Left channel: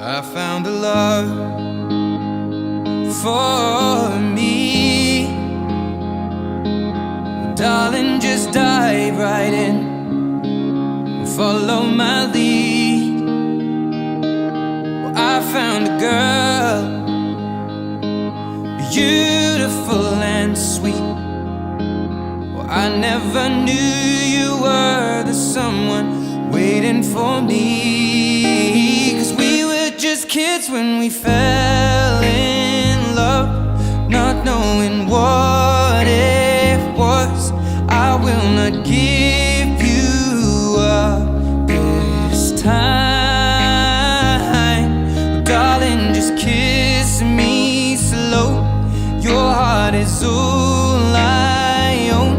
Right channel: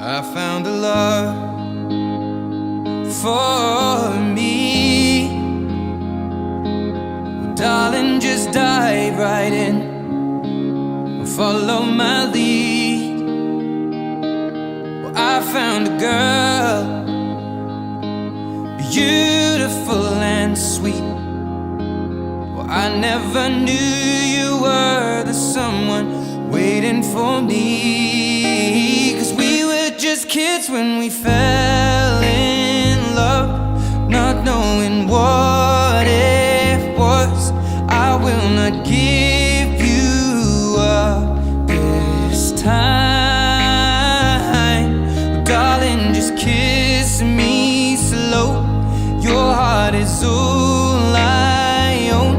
I found a love for me. Well, darling, just dive right in, follow my lead. Well, I found a girl, beautiful and sweet. Well, I never knew you were the someone waiting for me. 'Cause we were just kids when we fell in love, not knowing what it was. I will not give you up this time. Darling, just kiss me slow. Your heart is all I own,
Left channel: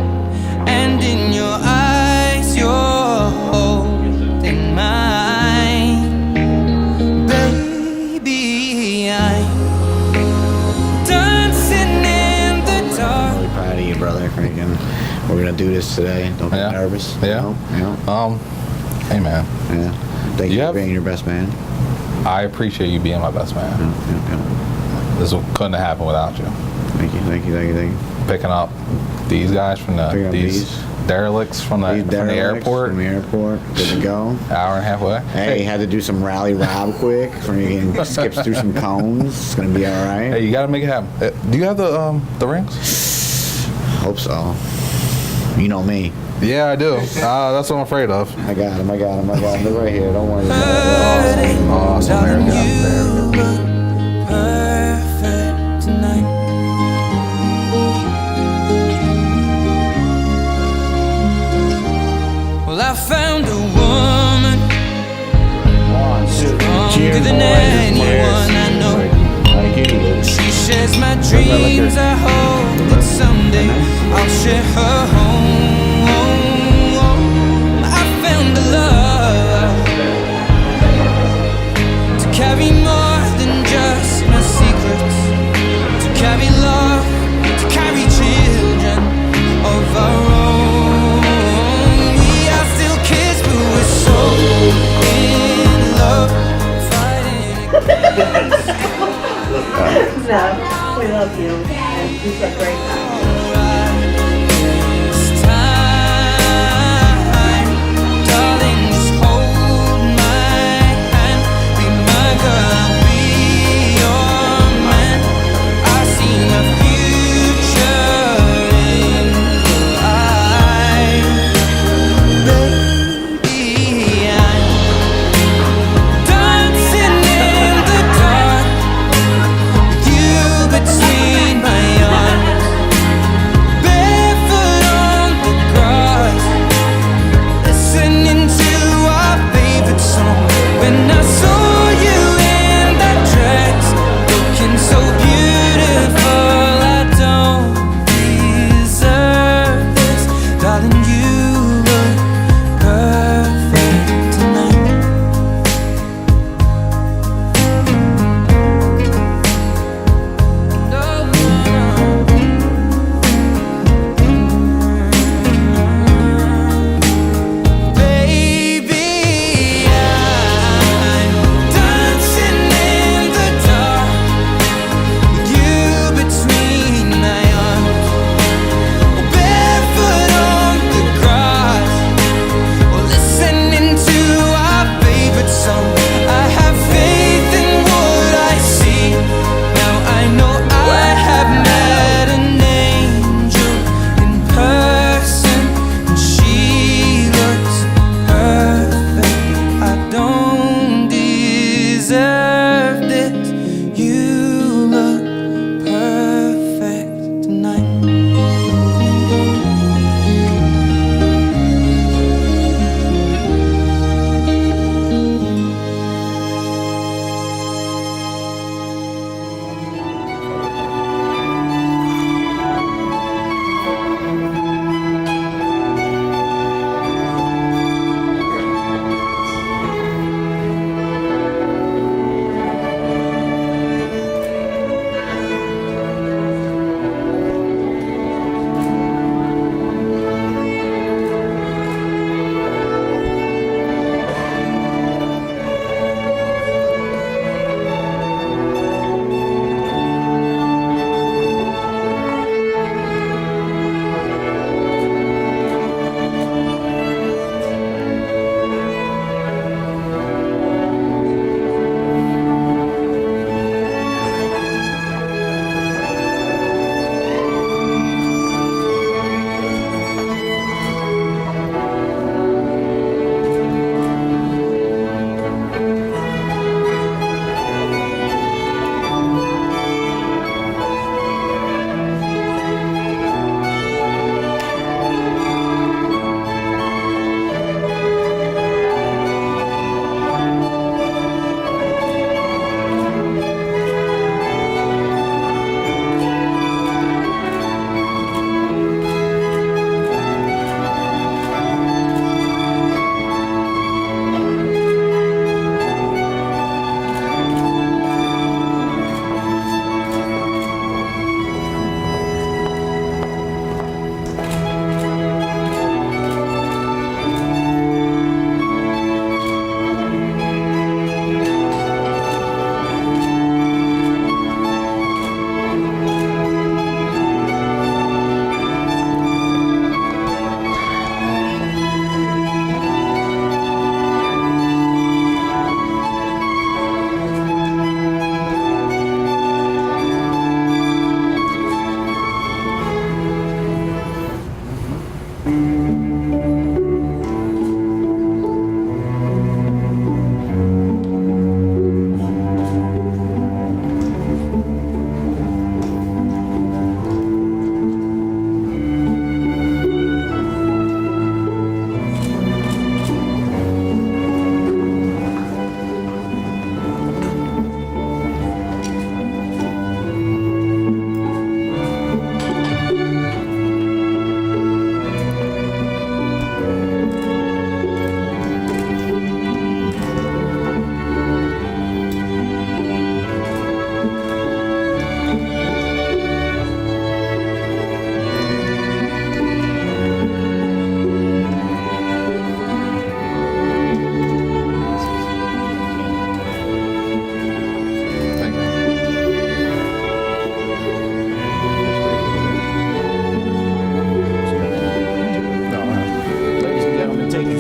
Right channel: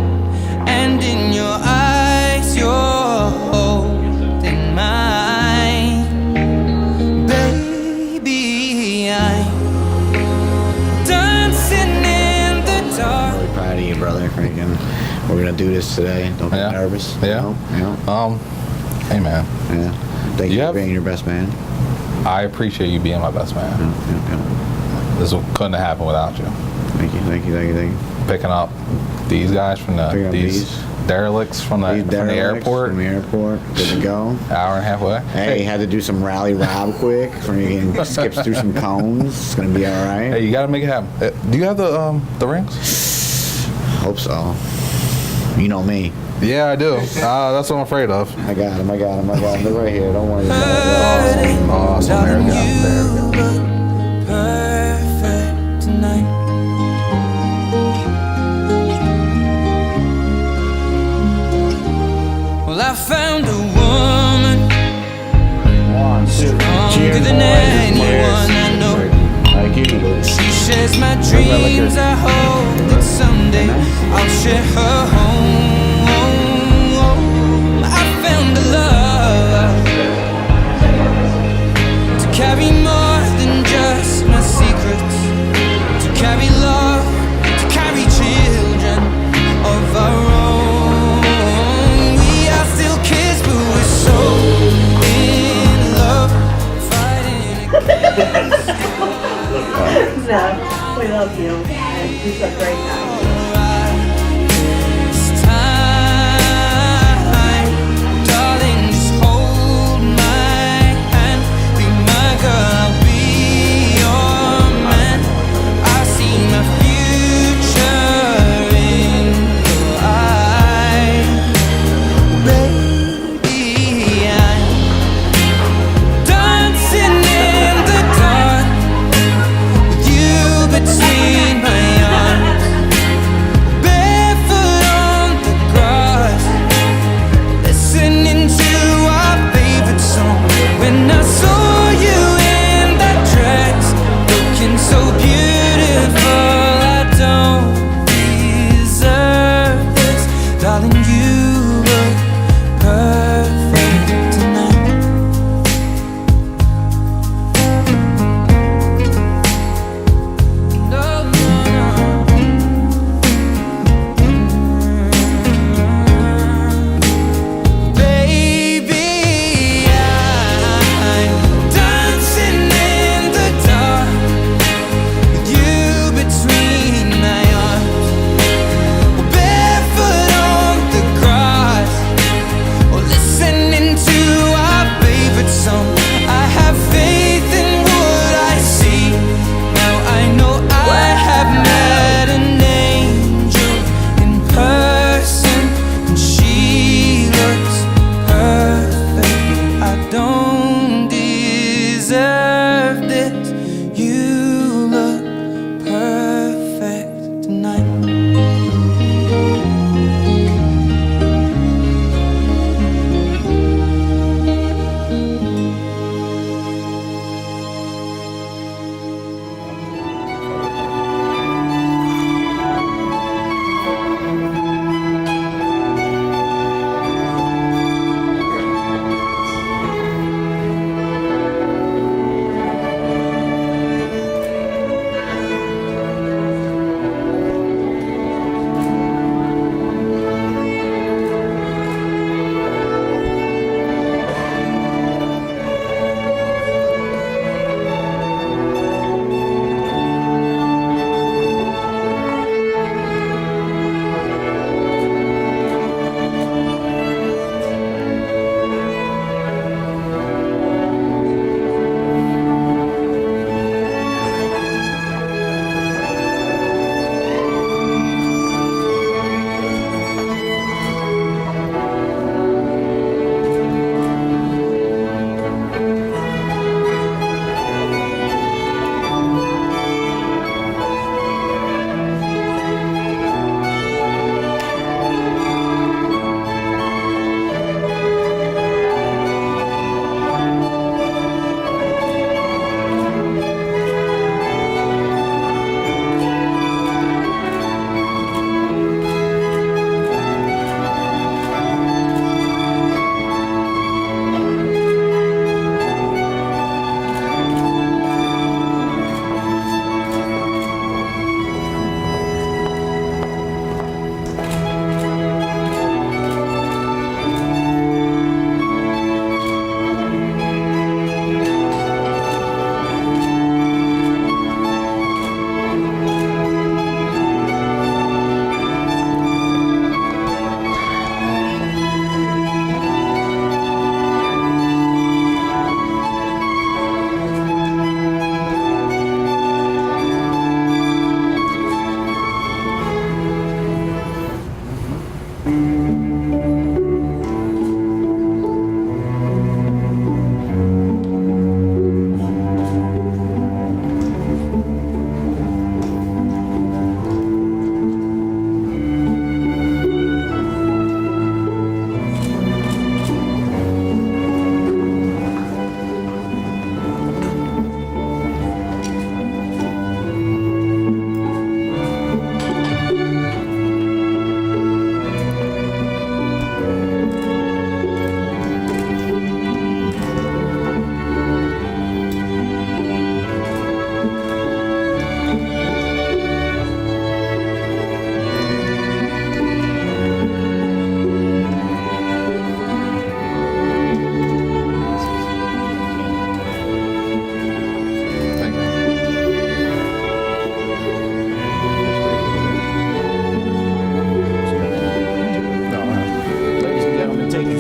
and in your eyes you're holding mine. Baby, I'm dancing in the dark. I'm really proud of you, brother. Freaking, we're gonna do this today. Don't be nervous. Yeah. Hey man. Yeah. Thank you for being your best man. I appreciate you being my best man. This couldn't have happened without you. Thank you. Picking up these guys from these derelicts from the airport. From the airport. Good to go. Hour and a half away. Hey, had to do some rally rob quick. Freaking skips through some cones. It's gonna be all right. Hey, you gotta make it happen. Do you have the rings? Hope so. You know me. Yeah, I do. That's what I'm afraid of. I got him. They're right here. Don't worry about it. Awesome. There we go. Perfect tonight. Well, I found a woman stronger than anyone I know. She shares my dreams. I hope that someday I'll share her home. I found a love to carry more than just my secrets, to carry love, to carry children of our own. We are still kids, but we're so in love, fighting against. No, we love you. You're a great guy.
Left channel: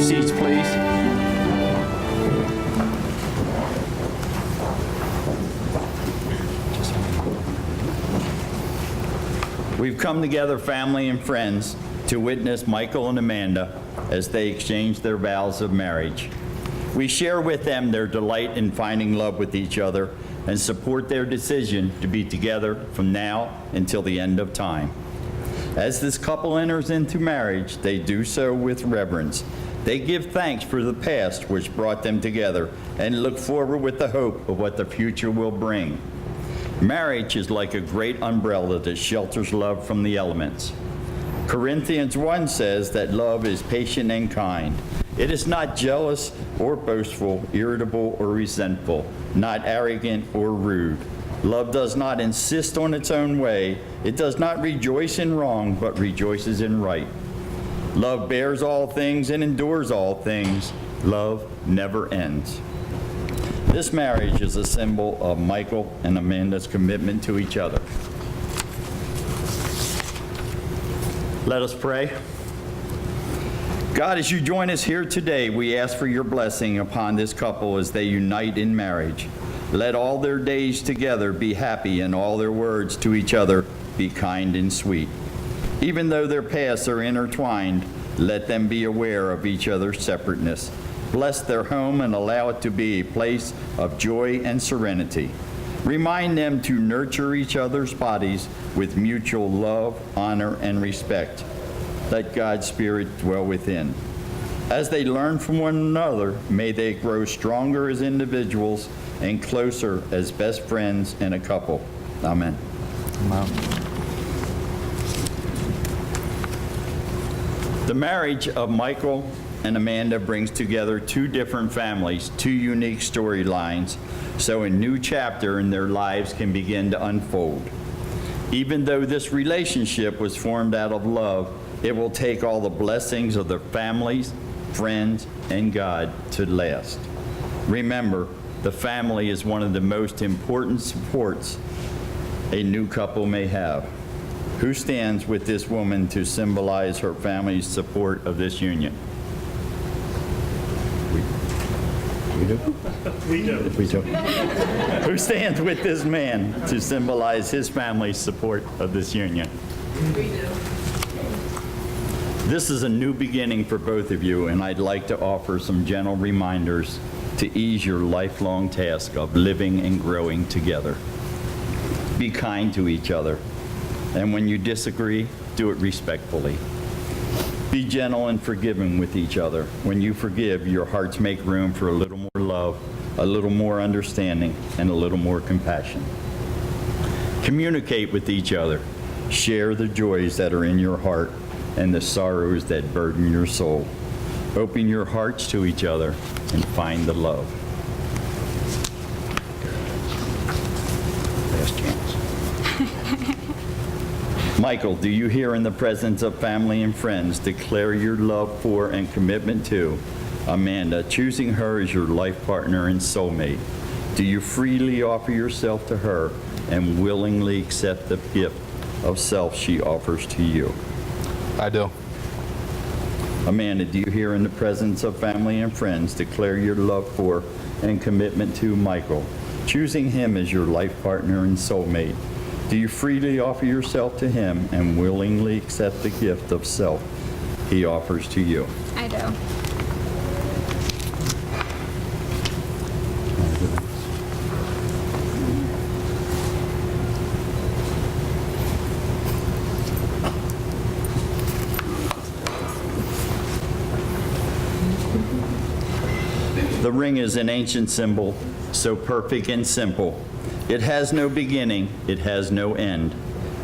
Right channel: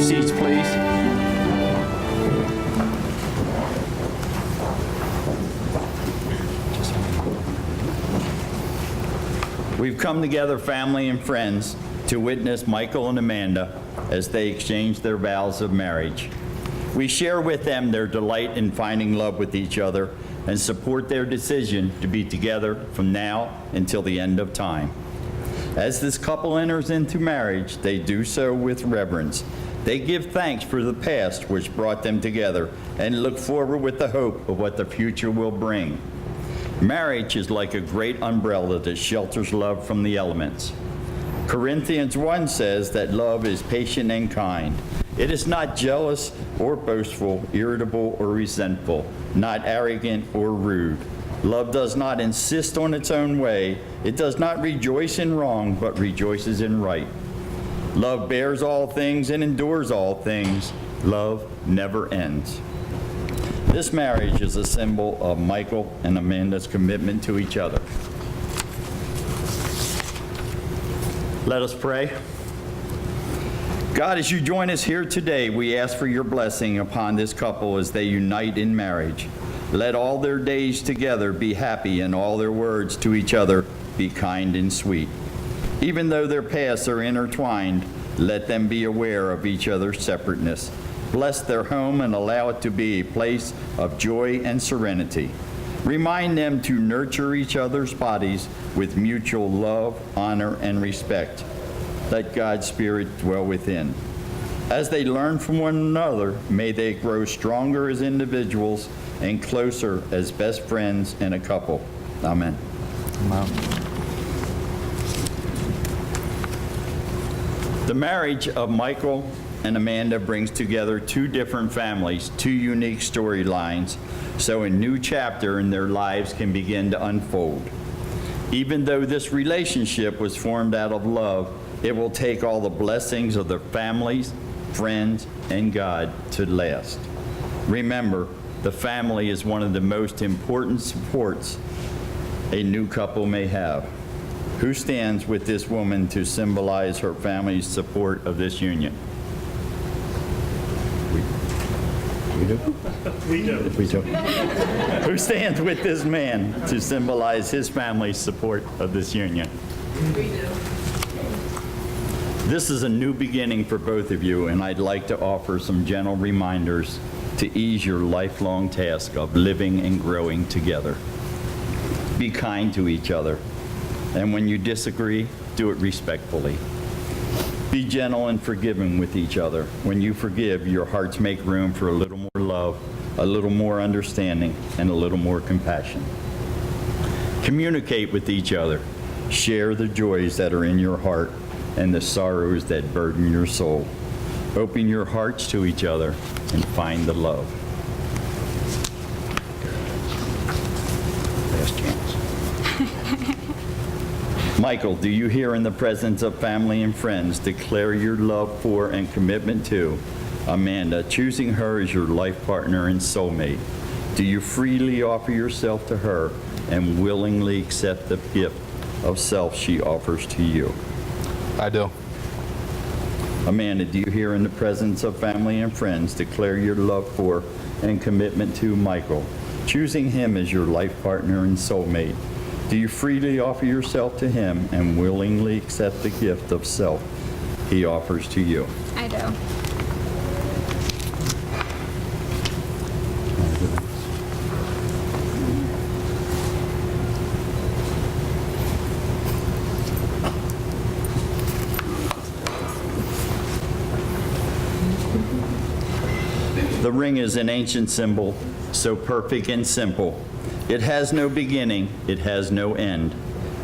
seats, please. We've come together, family and friends, to witness Michael and Amanda as they exchange their vows of marriage. We share with them their delight in finding love with each other and support their decision to be together from now until the end of time. As this couple enters into marriage, they do so with reverence. They give thanks for the past which brought them together and look forward with the hope of what the future will bring. Marriage is like a great umbrella that shelters love from the elements. Corinthians 1 says that love is patient and kind. It is not jealous or boastful, irritable or resentful, not arrogant or rude. Love does not insist on its own way. It does not rejoice in wrong, but rejoices in right. Love bears all things and endures all things. Love never ends. This marriage is a symbol of Michael and Amanda's commitment to each other. Let us pray. God, as you join us here today, we ask for your blessing upon this couple as they unite in marriage. Let all their days together be happy and all their words to each other be kind and sweet. Even though their paths are intertwined, let them be aware of each other's separateness. Bless their home and allow it to be a place of joy and serenity. Remind them to nurture each other's bodies with mutual love, honor, and respect. Let God's Spirit dwell within. As they learn from one another, may they grow stronger as individuals and closer as best friends and a couple. Amen. Amen. The marriage of Michael and Amanda brings together two different families, two unique storylines, so a new chapter in their lives can begin to unfold. Even though this relationship was formed out of love, it will take all the blessings of their families, friends, and God to last. Remember, the family is one of the most important supports a new couple may have. Who stands with this woman to symbolize her family's support of this union? We do? We do. Who stands with this man to symbolize his family's support of this union? We do. This is a new beginning for both of you, and I'd like to offer some gentle reminders to ease your lifelong task of living and growing together. Be kind to each other, and when you disagree, do it respectfully. Be gentle and forgiving with each other. When you forgive, your hearts make room for a little more love, a little more understanding, and a little more compassion. Communicate with each other. Share the joys that are in your heart and the sorrows that burden your soul. Open your hearts to each other and find the love. Last chance. Michael, do you here in the presence of family and friends declare your love for and commitment to Amanda, choosing her as your life partner and soulmate? Do you freely offer yourself to her and willingly accept the gift of self she offers to you? I do. Amanda, do you here in the presence of family and friends declare your love for and commitment to Michael, choosing him as your life partner and soulmate? Do you freely offer yourself to him and willingly accept the gift of self he offers to you? I do. The ring is an ancient symbol, so perfect and simple. It has no beginning, it has no end.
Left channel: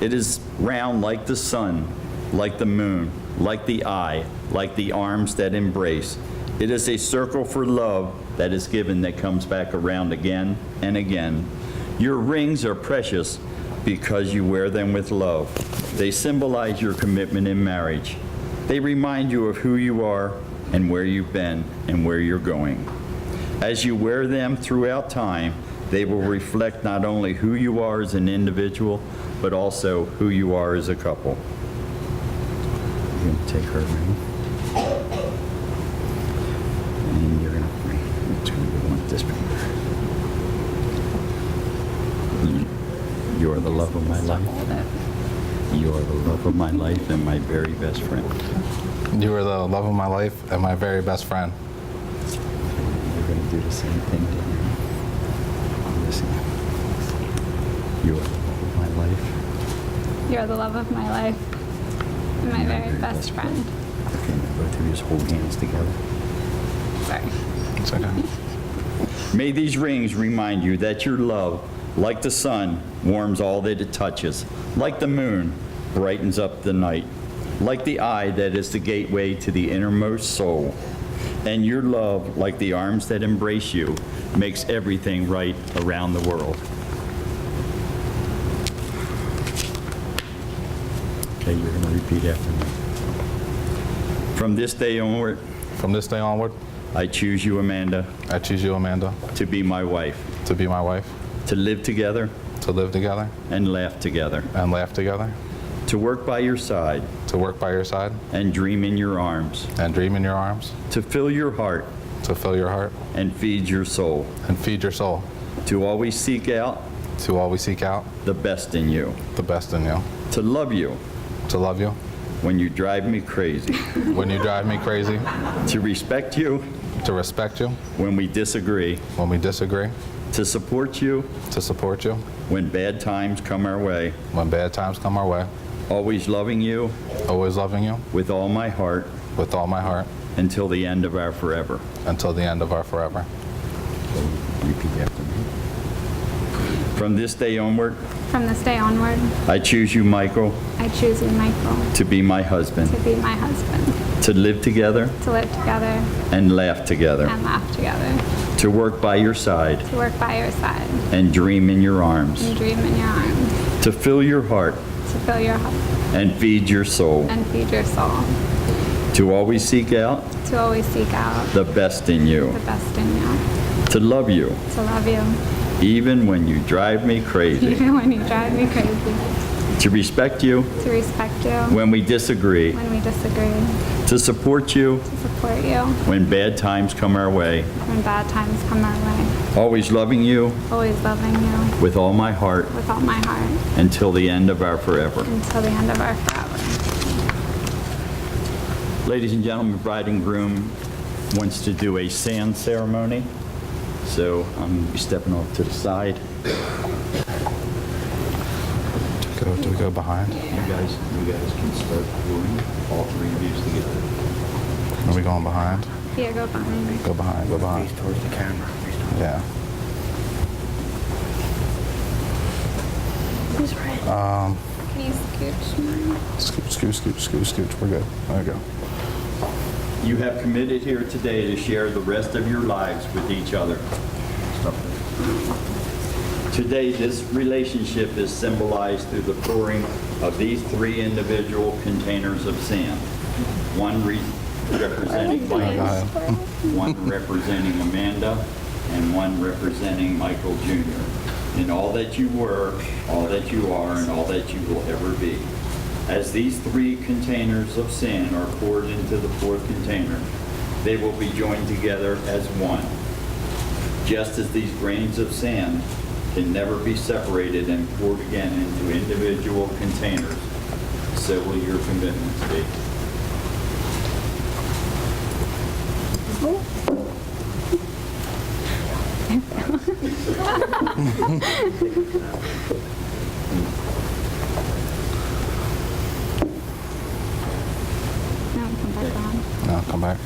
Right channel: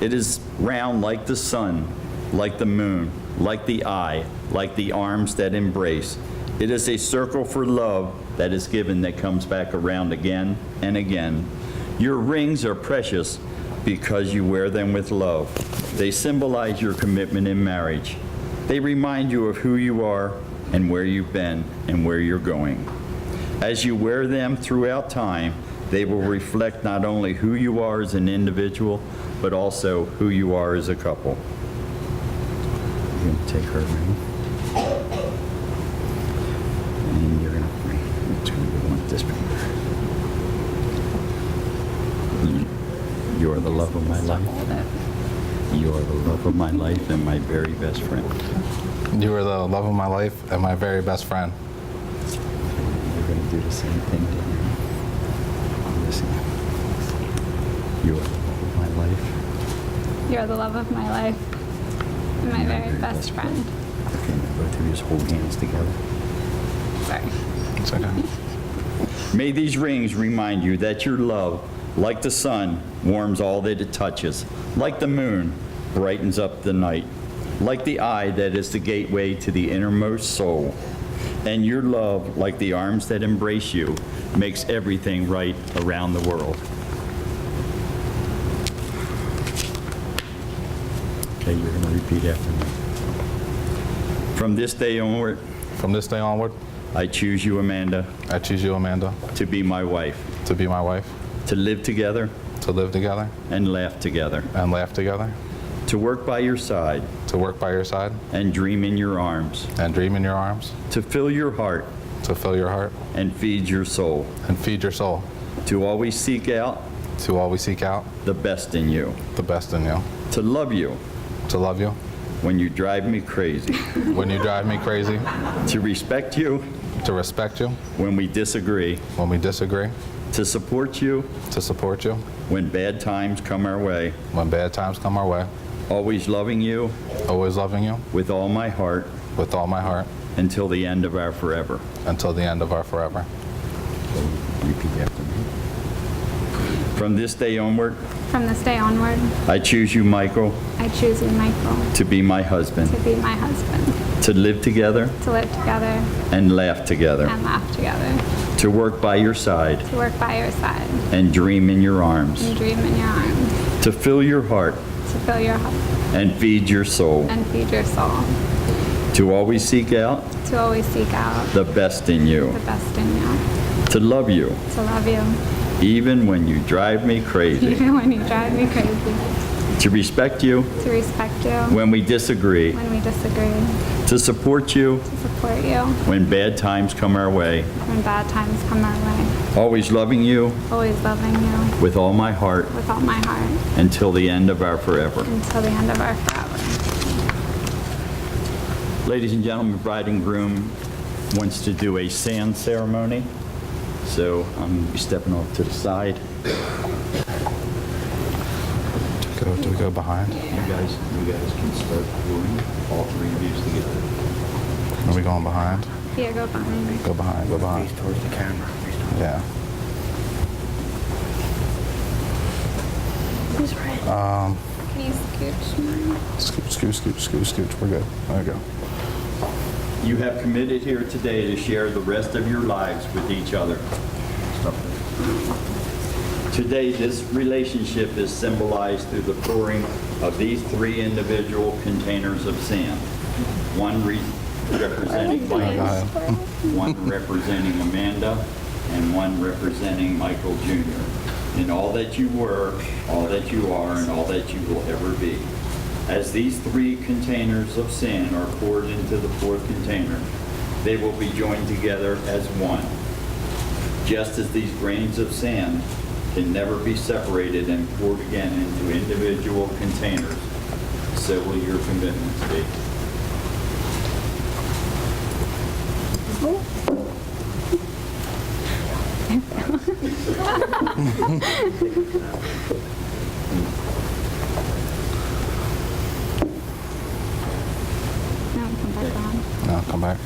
It is round like the sun, like the moon, like the eye, like the arms that embrace. It is a circle for love that is given that comes back around again and again. Your rings are precious because you wear them with love. They symbolize your commitment in marriage. They remind you of who you are and where you've been and where you're going. As you wear them throughout time, they will reflect not only who you are as an individual, but also who you are as a couple. You're going to take her ring. love of my life. You are the love of my life and my very best friend. You are the love of my life and my very best friend. You're going to do the same thing to him. Listen. You are the love of my life. You are the love of my life and my very best friend. Okay, now both of you just hold hands together. Sorry. It's okay. May these rings remind you that your love, like the sun, warms all that it touches, like the moon, brightens up the night, like the eye that is the gateway to the innermost soul. And your love, like the arms that embrace you, makes everything right around the world. Okay, you're going to repeat after me. From this day onward, From this day onward, I choose you, Amanda, I choose you, Amanda, to be my wife, to be my wife, to live together to live together and laugh together, and laugh together, to work by your side to work by your side and dream in your arms, and dream in your arms, to fill your heart to fill your heart and feed your soul, and feed your soul, to always seek out to always seek out the best in you, the best in you, to love you to love you when you drive me crazy, when you drive me crazy, to respect you to respect you when we disagree, when we disagree, to support you to support you when bad times come our way, when bad times come our way, always loving you always loving you with all my heart with all my heart until the end of our forever. until the end of our forever. Repeat after me. From this day onward, From this day onward, I choose you, Michael, I choose you, Michael, to be my husband, to be my husband, to live together to live together and laugh together, and laugh together, to work by your side to work by your side and dream in your arms, and dream in your arms, to fill your heart to fill your heart and feed your soul, and feed your soul, to always seek out to always seek out the best in you, the best in you, to love you to love you, even when you drive me crazy, even when you drive me crazy, to respect you to respect you when we disagree, when we disagree, to support you to support you when bad times come our way, when bad times come our way, always loving you always loving you with all my heart with all my heart until the end of our forever. until the end of our forever. Ladies and gentlemen, bride and groom wants to do a sand ceremony, so I'm going to be stepping off to the side. Do we go behind? You guys can start pouring, all three of you together. Are we going behind? Here, go behind me. Go behind, go behind. Face towards the camera. Yeah. Can you scooch more? Scooch. We're good. There we go. You have committed here today to share the rest of your lives with each other. Today, this relationship is symbolized through the pouring of these three individual containers of sand. One representing Michael, one representing Amanda, and one representing Michael Jr. In all that you were, all that you are, and all that you will ever be. As these three containers of sand are poured into the fourth container, they will be joined together as one. Just as these grains of sand can never be separated and poured again into individual containers, so will your commitments be. No, come back on. No, come back.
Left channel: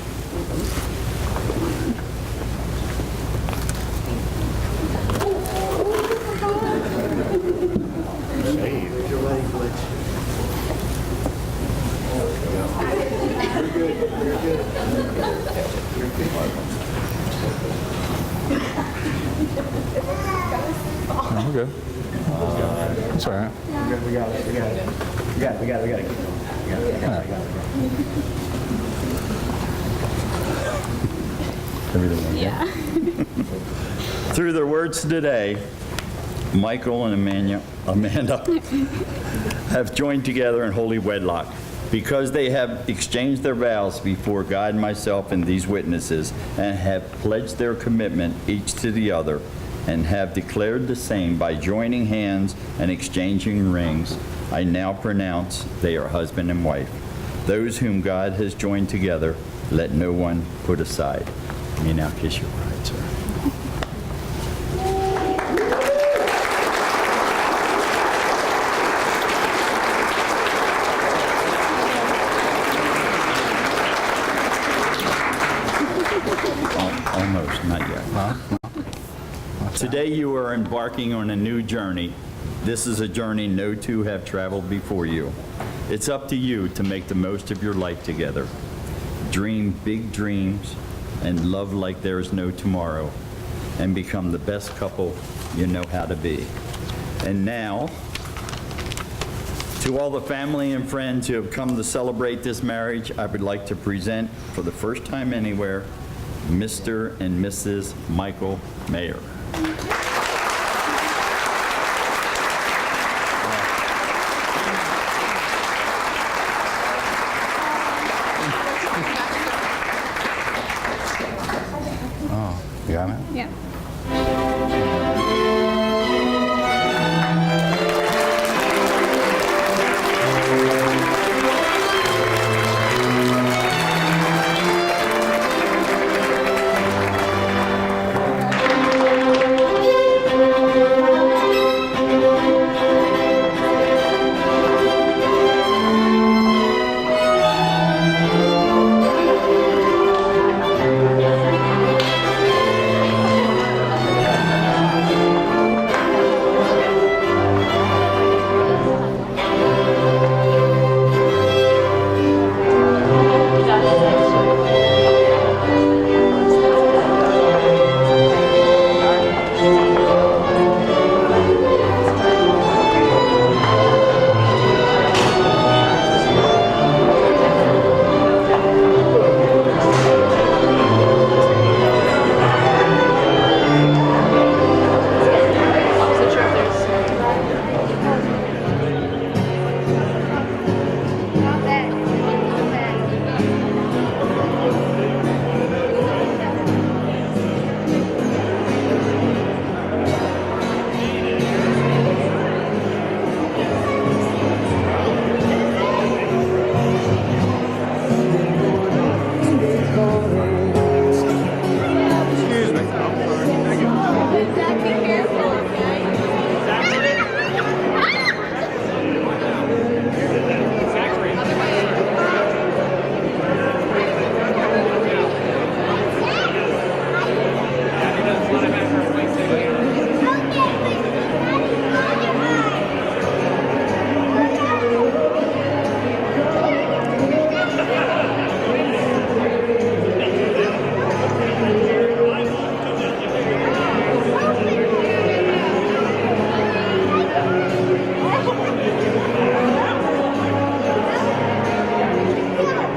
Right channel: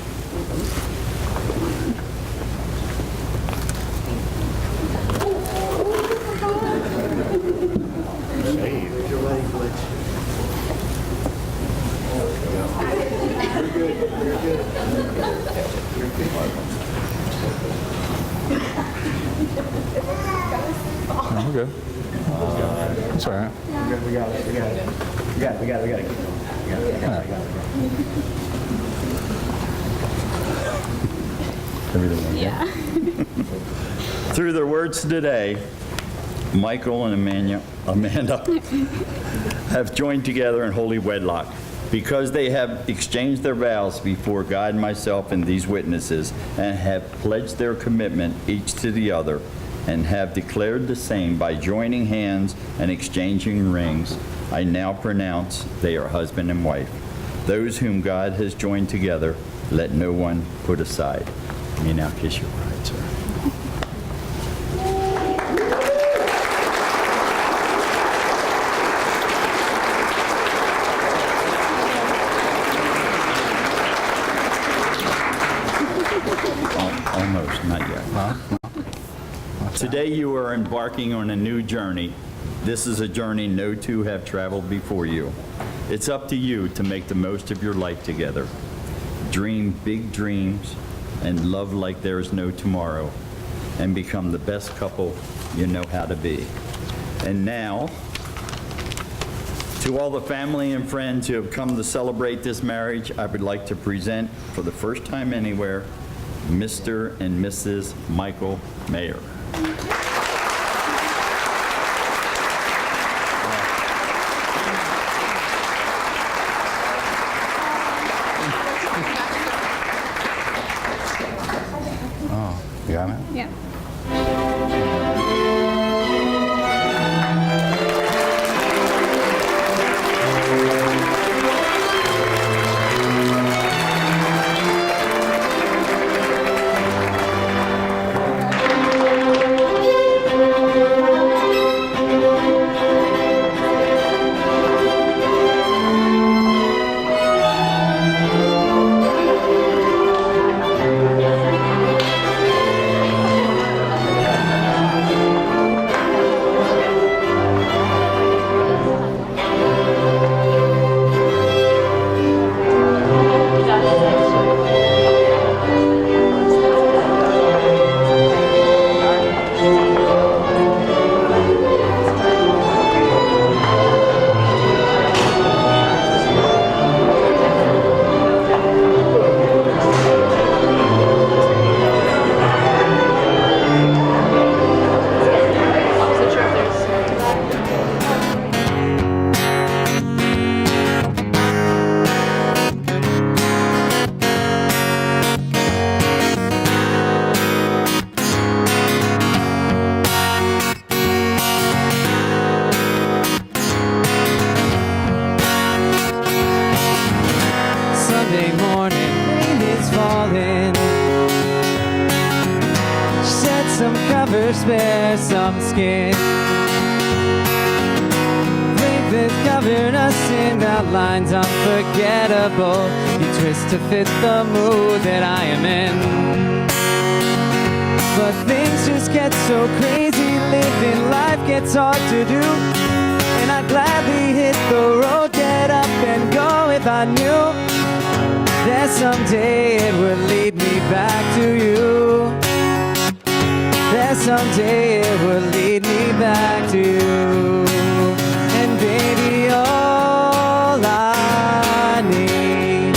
No, we're good. It's all right. We got it. Everything okay? Yeah. Through their words today, Michael and Amanda have joined together in holy wedlock. Because they have exchanged their vows before God, myself, and these witnesses, and have pledged their commitment each to the other, and have declared the same by joining hands and exchanging rings, I now pronounce they are husband and wife. Those whom God has joined together, let no one put aside. You may now kiss your bride, sir. Almost, not yet. Today you are embarking on a new journey. This is a journey no two have traveled before you. It's up to you to make the most of your life together. Dream big dreams and love like there is no tomorrow, and become the best couple you know how to be. And now, to all the family and friends who have come to celebrate this marriage, I would like to present, for the first time anywhere, Mr. and Mrs. Michael Mayer. Oh, you got it? Yeah. Sunday morning, rain is falling. Shed some covers, spare some skin. They've covered us in outlines unforgettable. You twist to fit the mood that I am in. But things just get so crazy, living life gets hard to do. And I'd gladly hit the road, get up and go if I knew that someday it would lead me back to you. That someday it would lead me back to you. And baby, all I need,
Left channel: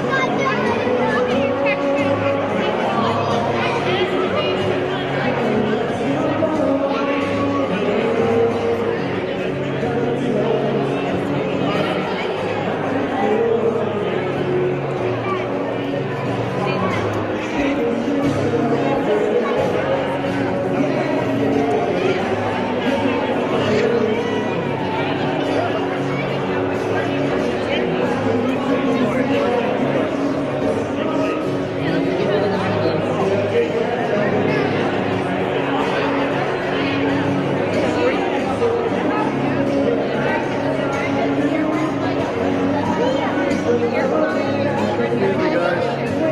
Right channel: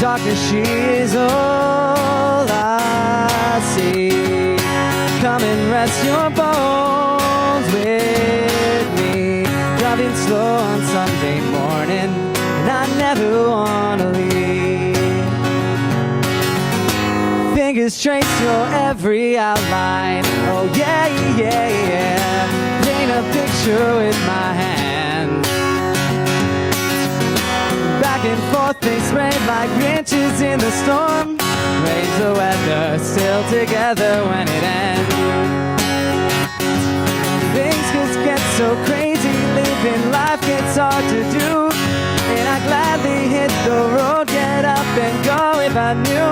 talking she is all I see. Come and rest your bones with me. Driving slow on Sunday morning, and I never wanna leave. Fingers trace your every outline. Oh yeah, yeah, yeah. Paint a picture with my hand. Back and forth they spread like riches in the storm. Raise the weather, still together when it ends. Things just get so crazy, living life gets hard to do. And I'd gladly hit the road, get up and go if I knew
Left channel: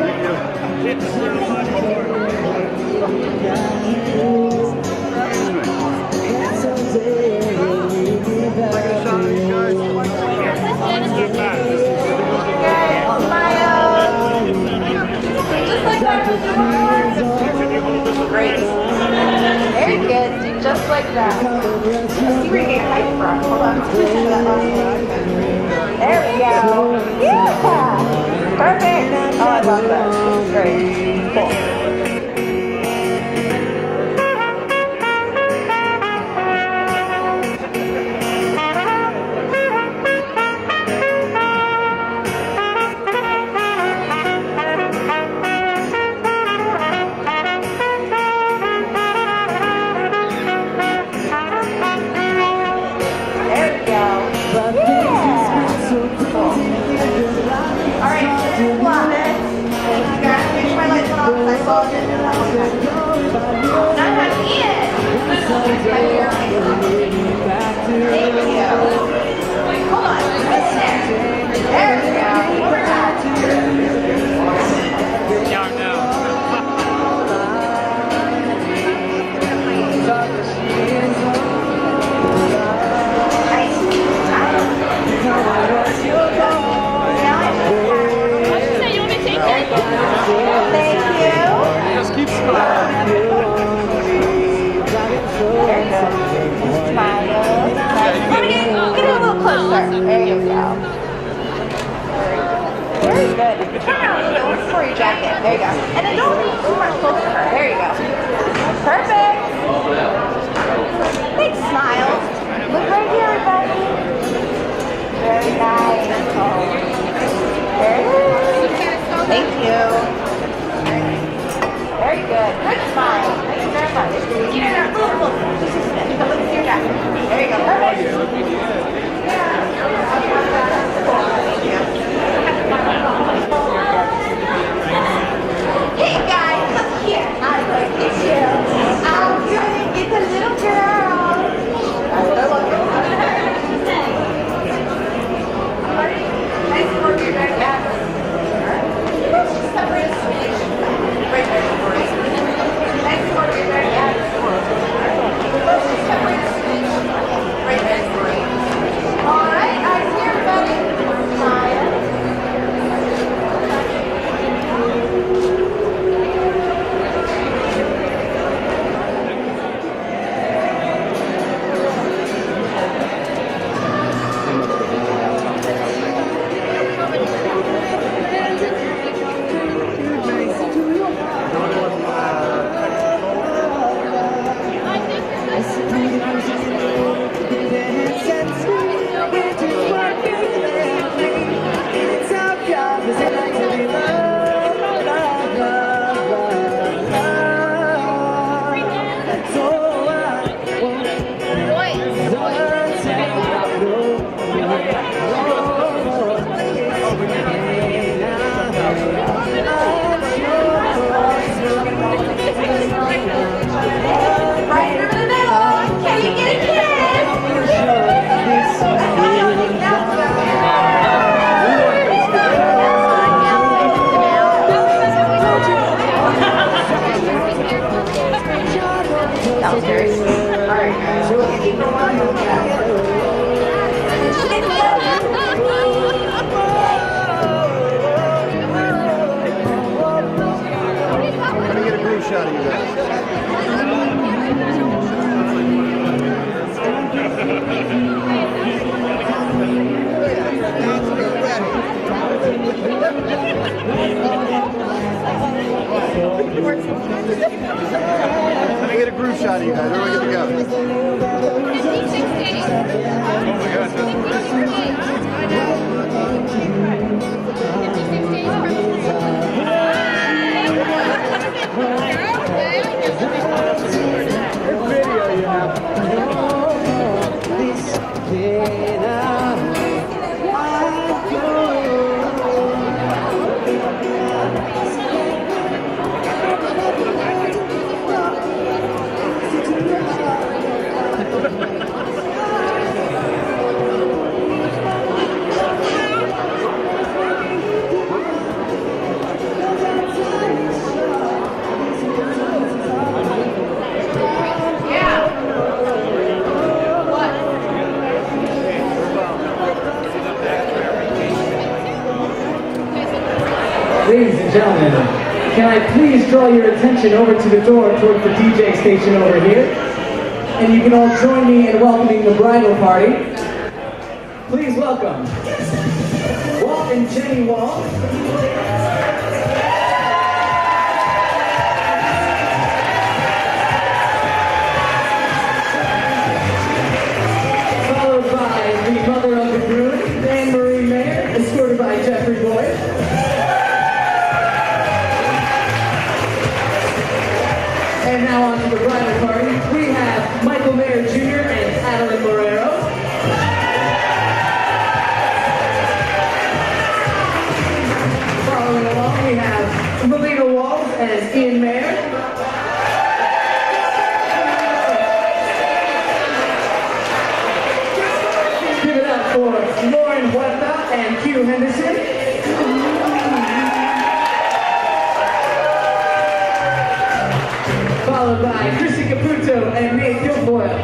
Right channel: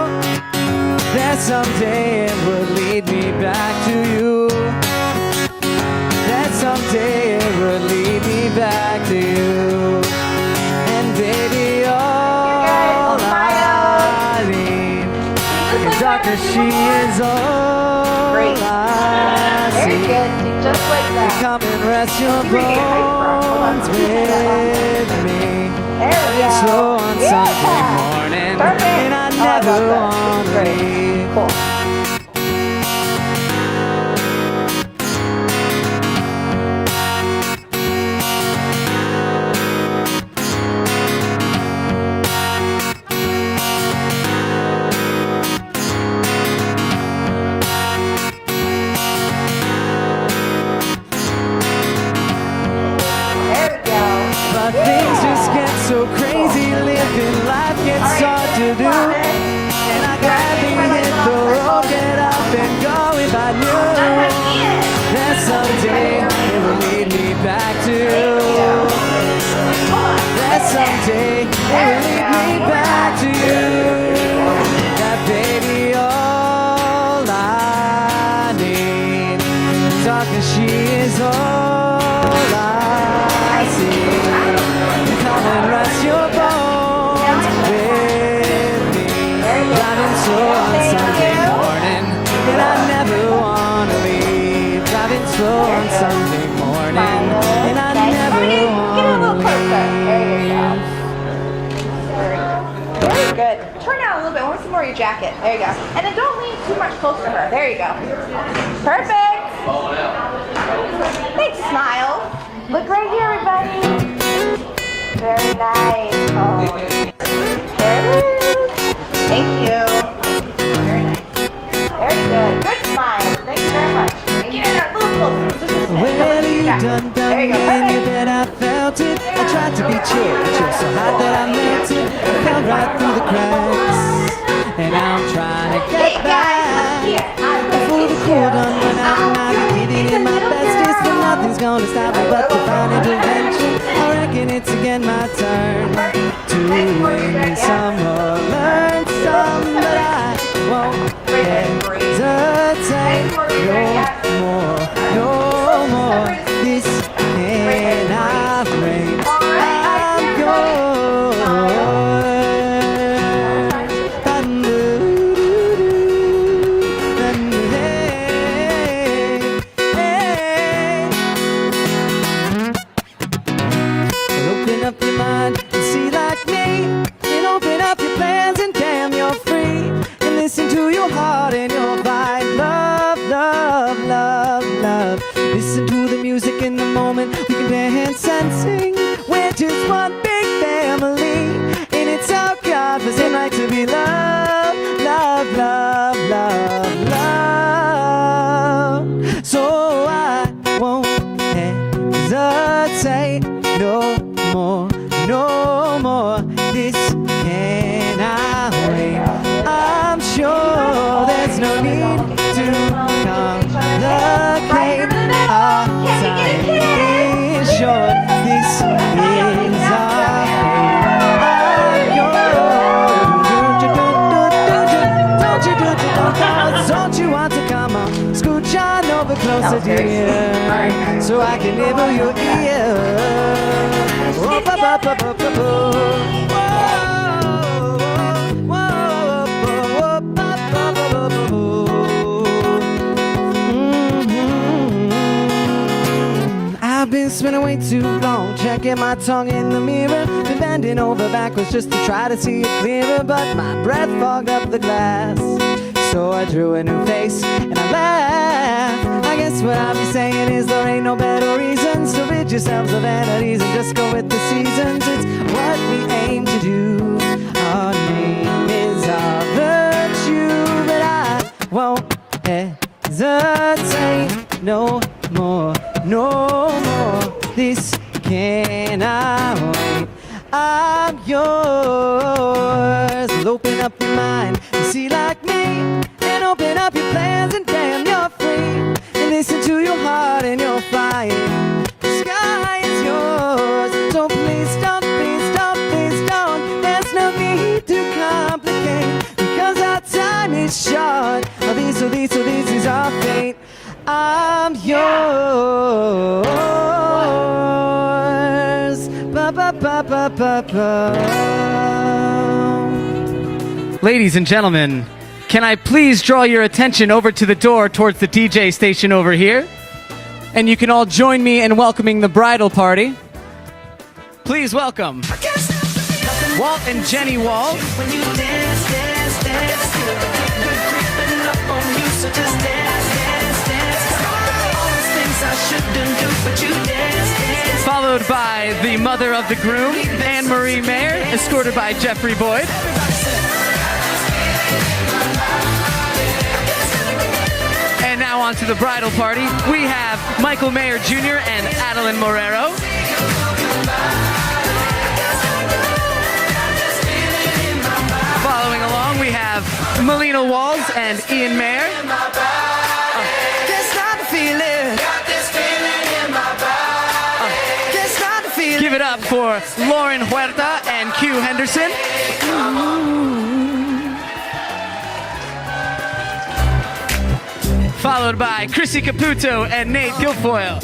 that someday it would lead me back to you. That someday it would lead me back to you. And baby, all I need, Just like that she was before. is all Great. I Very see. good. Do just like that. Come and rest your See where you get your height from. Hold on. Let me try that last one. with me. There we go. Yeah. Perfect. Oh, I love that. This is great. Cool. because I called it and I'm not having it. Thank you. Hold on. Right there. There we go. One more time. Very good. Turn around a little bit. I want some more of your jacket. There you go. And then don't lean too much close to her. There you go. Perfect. Big smile. Look right here, everybody. Very nice. Oh. There it is. Thank you. Very nice. Very good. Good smile. Thank you very much. Get in there a little closer. Just a smidge. Come into your jacket. There you go. Perfect. Hey guys, look here. I'm going to kiss you. I'm going to kiss a little girl. Nice work, you guys. Yeah. Right there. Great. Nice work, you guys. Yeah. Right there. Great. All right, eyes here, everybody. Smile. That was very sweet. All right, guys. So I can go on with that. I've been spinning way too long, checking my tongue in the mirror, bending over backwards just to try to see it clearer, but my breath fogged up the glass. So I drew a new face and laughed. I guess what I'm saying is there ain't no better reasons to read yourself a better reason. Just go with the seasons. It's what we aim to do. Our name is our virtue, but I won't hesitate no more, no more. This cannot wait. I'm yours. Open up your mind and see like me. Open up your plans and damn, you're free. And listen to your heart and you'll find the sky is yours. Don't please don't, please don't, please don't. There's no need to complicate because our time is short. This is our fate. I'm yours. Ba, ba, ba, ba, ba, ba. Ladies and gentlemen, can I please draw your attention over to the door towards the DJ station over here? And you can all join me in welcoming the bridal party. Please welcome Walt and Jenny Walt. Followed by the mother of the groom, Anne-Marie Mayer, escorted by Jeffrey Boyd. And now on to the bridal party. We have Michael Mayer Jr. and Adeline Morero. Following along, we have Melina Wall walls as Ian Mayer. Give it up for Lauren Huerta and Q Henderson. Followed by Chrissy Caputo and Nate Guilfoyle.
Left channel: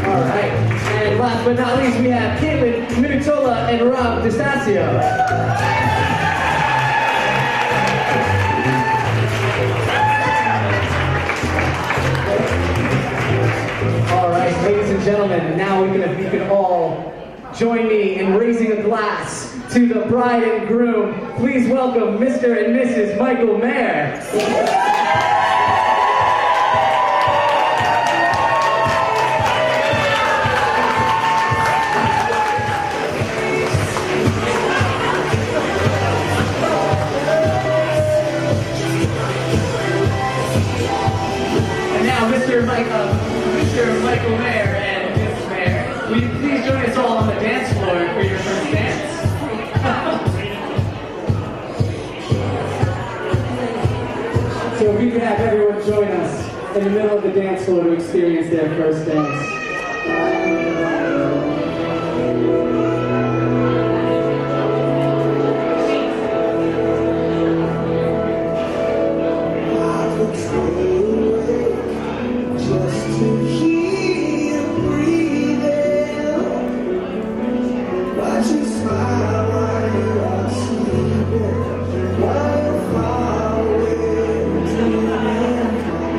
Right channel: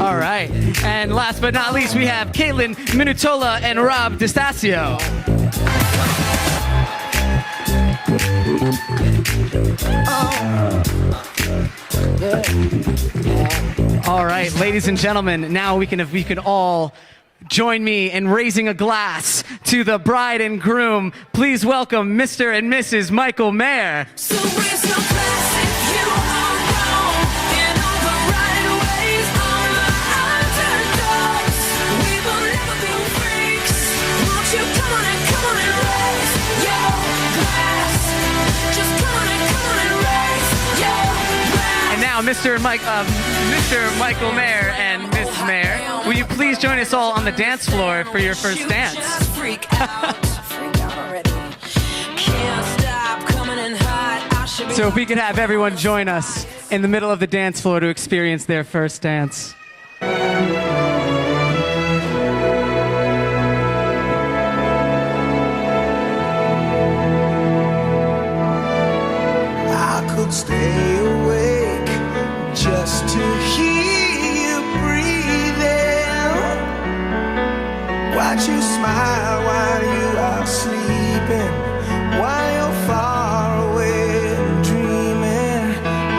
All right, and last but not least, we have Caitlin Minutola and Rob DeStasio. All right, ladies and gentlemen, now we can all join me in raising a glass to the bride and groom. Please welcome Mr. and Mrs. Michael Mayer. And now Mr. Michael Mayer and Mrs. Mayer, will you please join us all on the dance floor for your first dance? So we could have everyone join us in the middle of the dance floor to experience their first dance. I could stay awake just to hear you breathing. Watch you smile while you are sleeping, while you're far away and dreaming.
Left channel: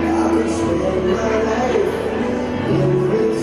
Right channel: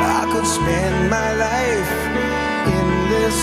I could spend my life in this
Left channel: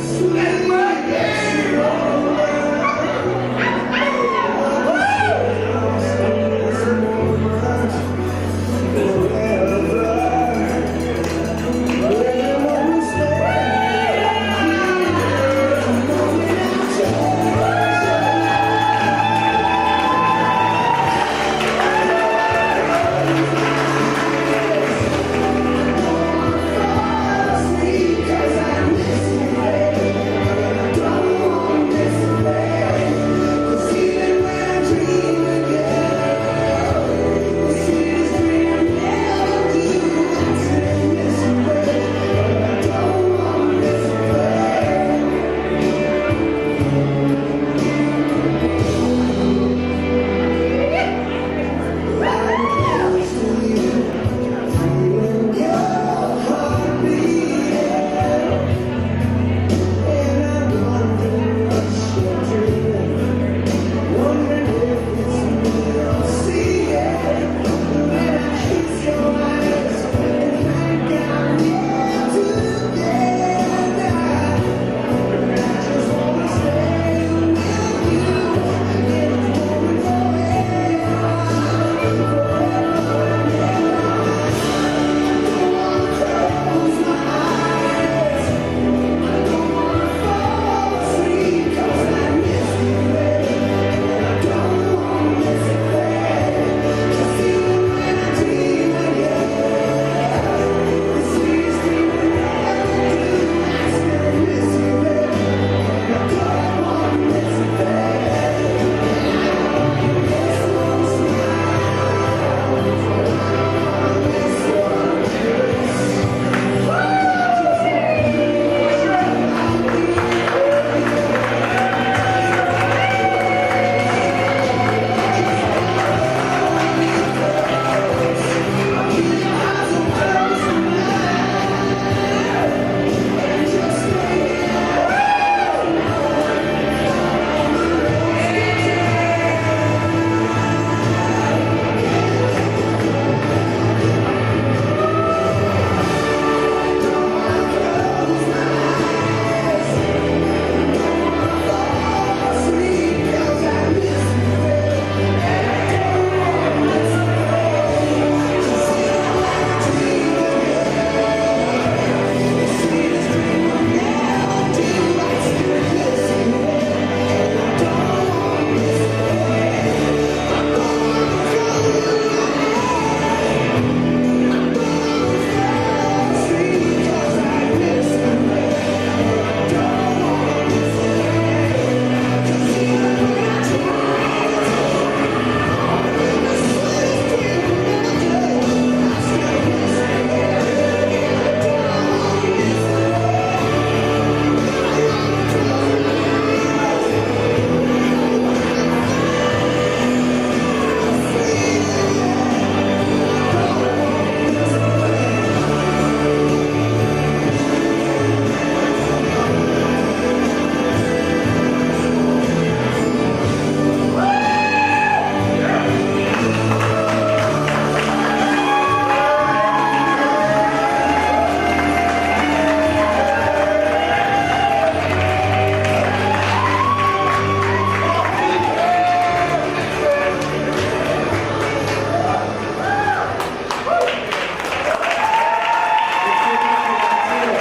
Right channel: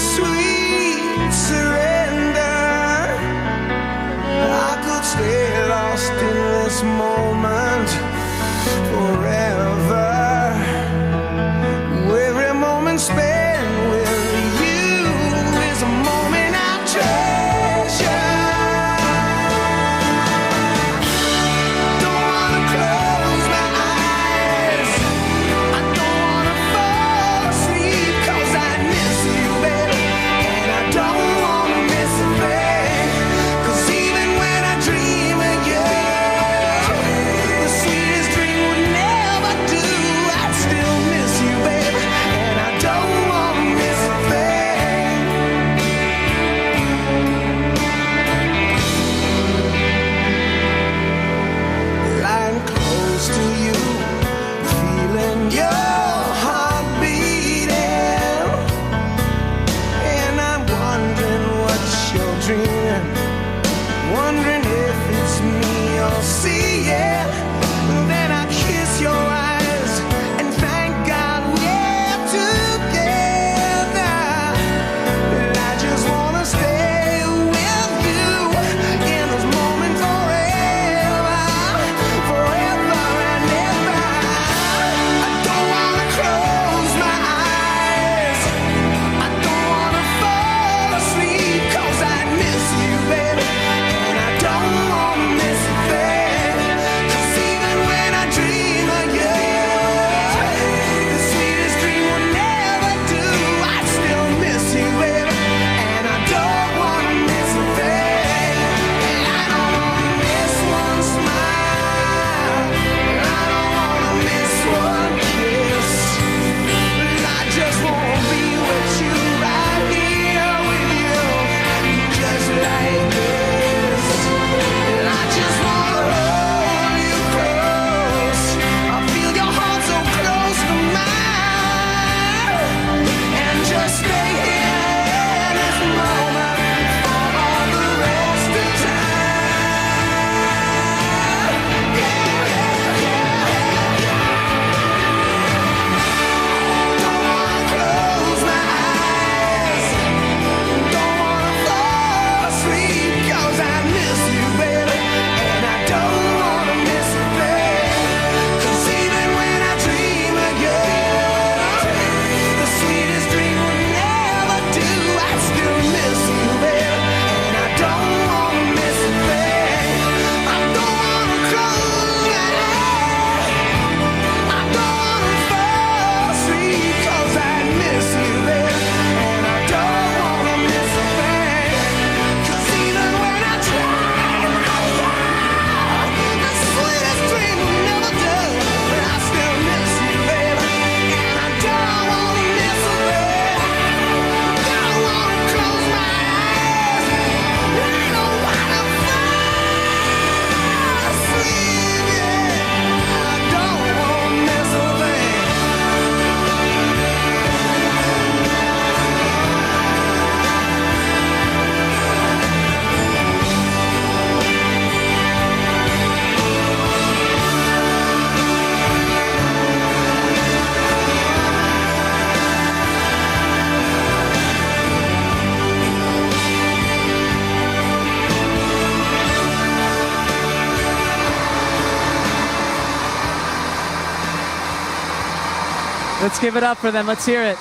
Let's give it up for them. Let's hear it.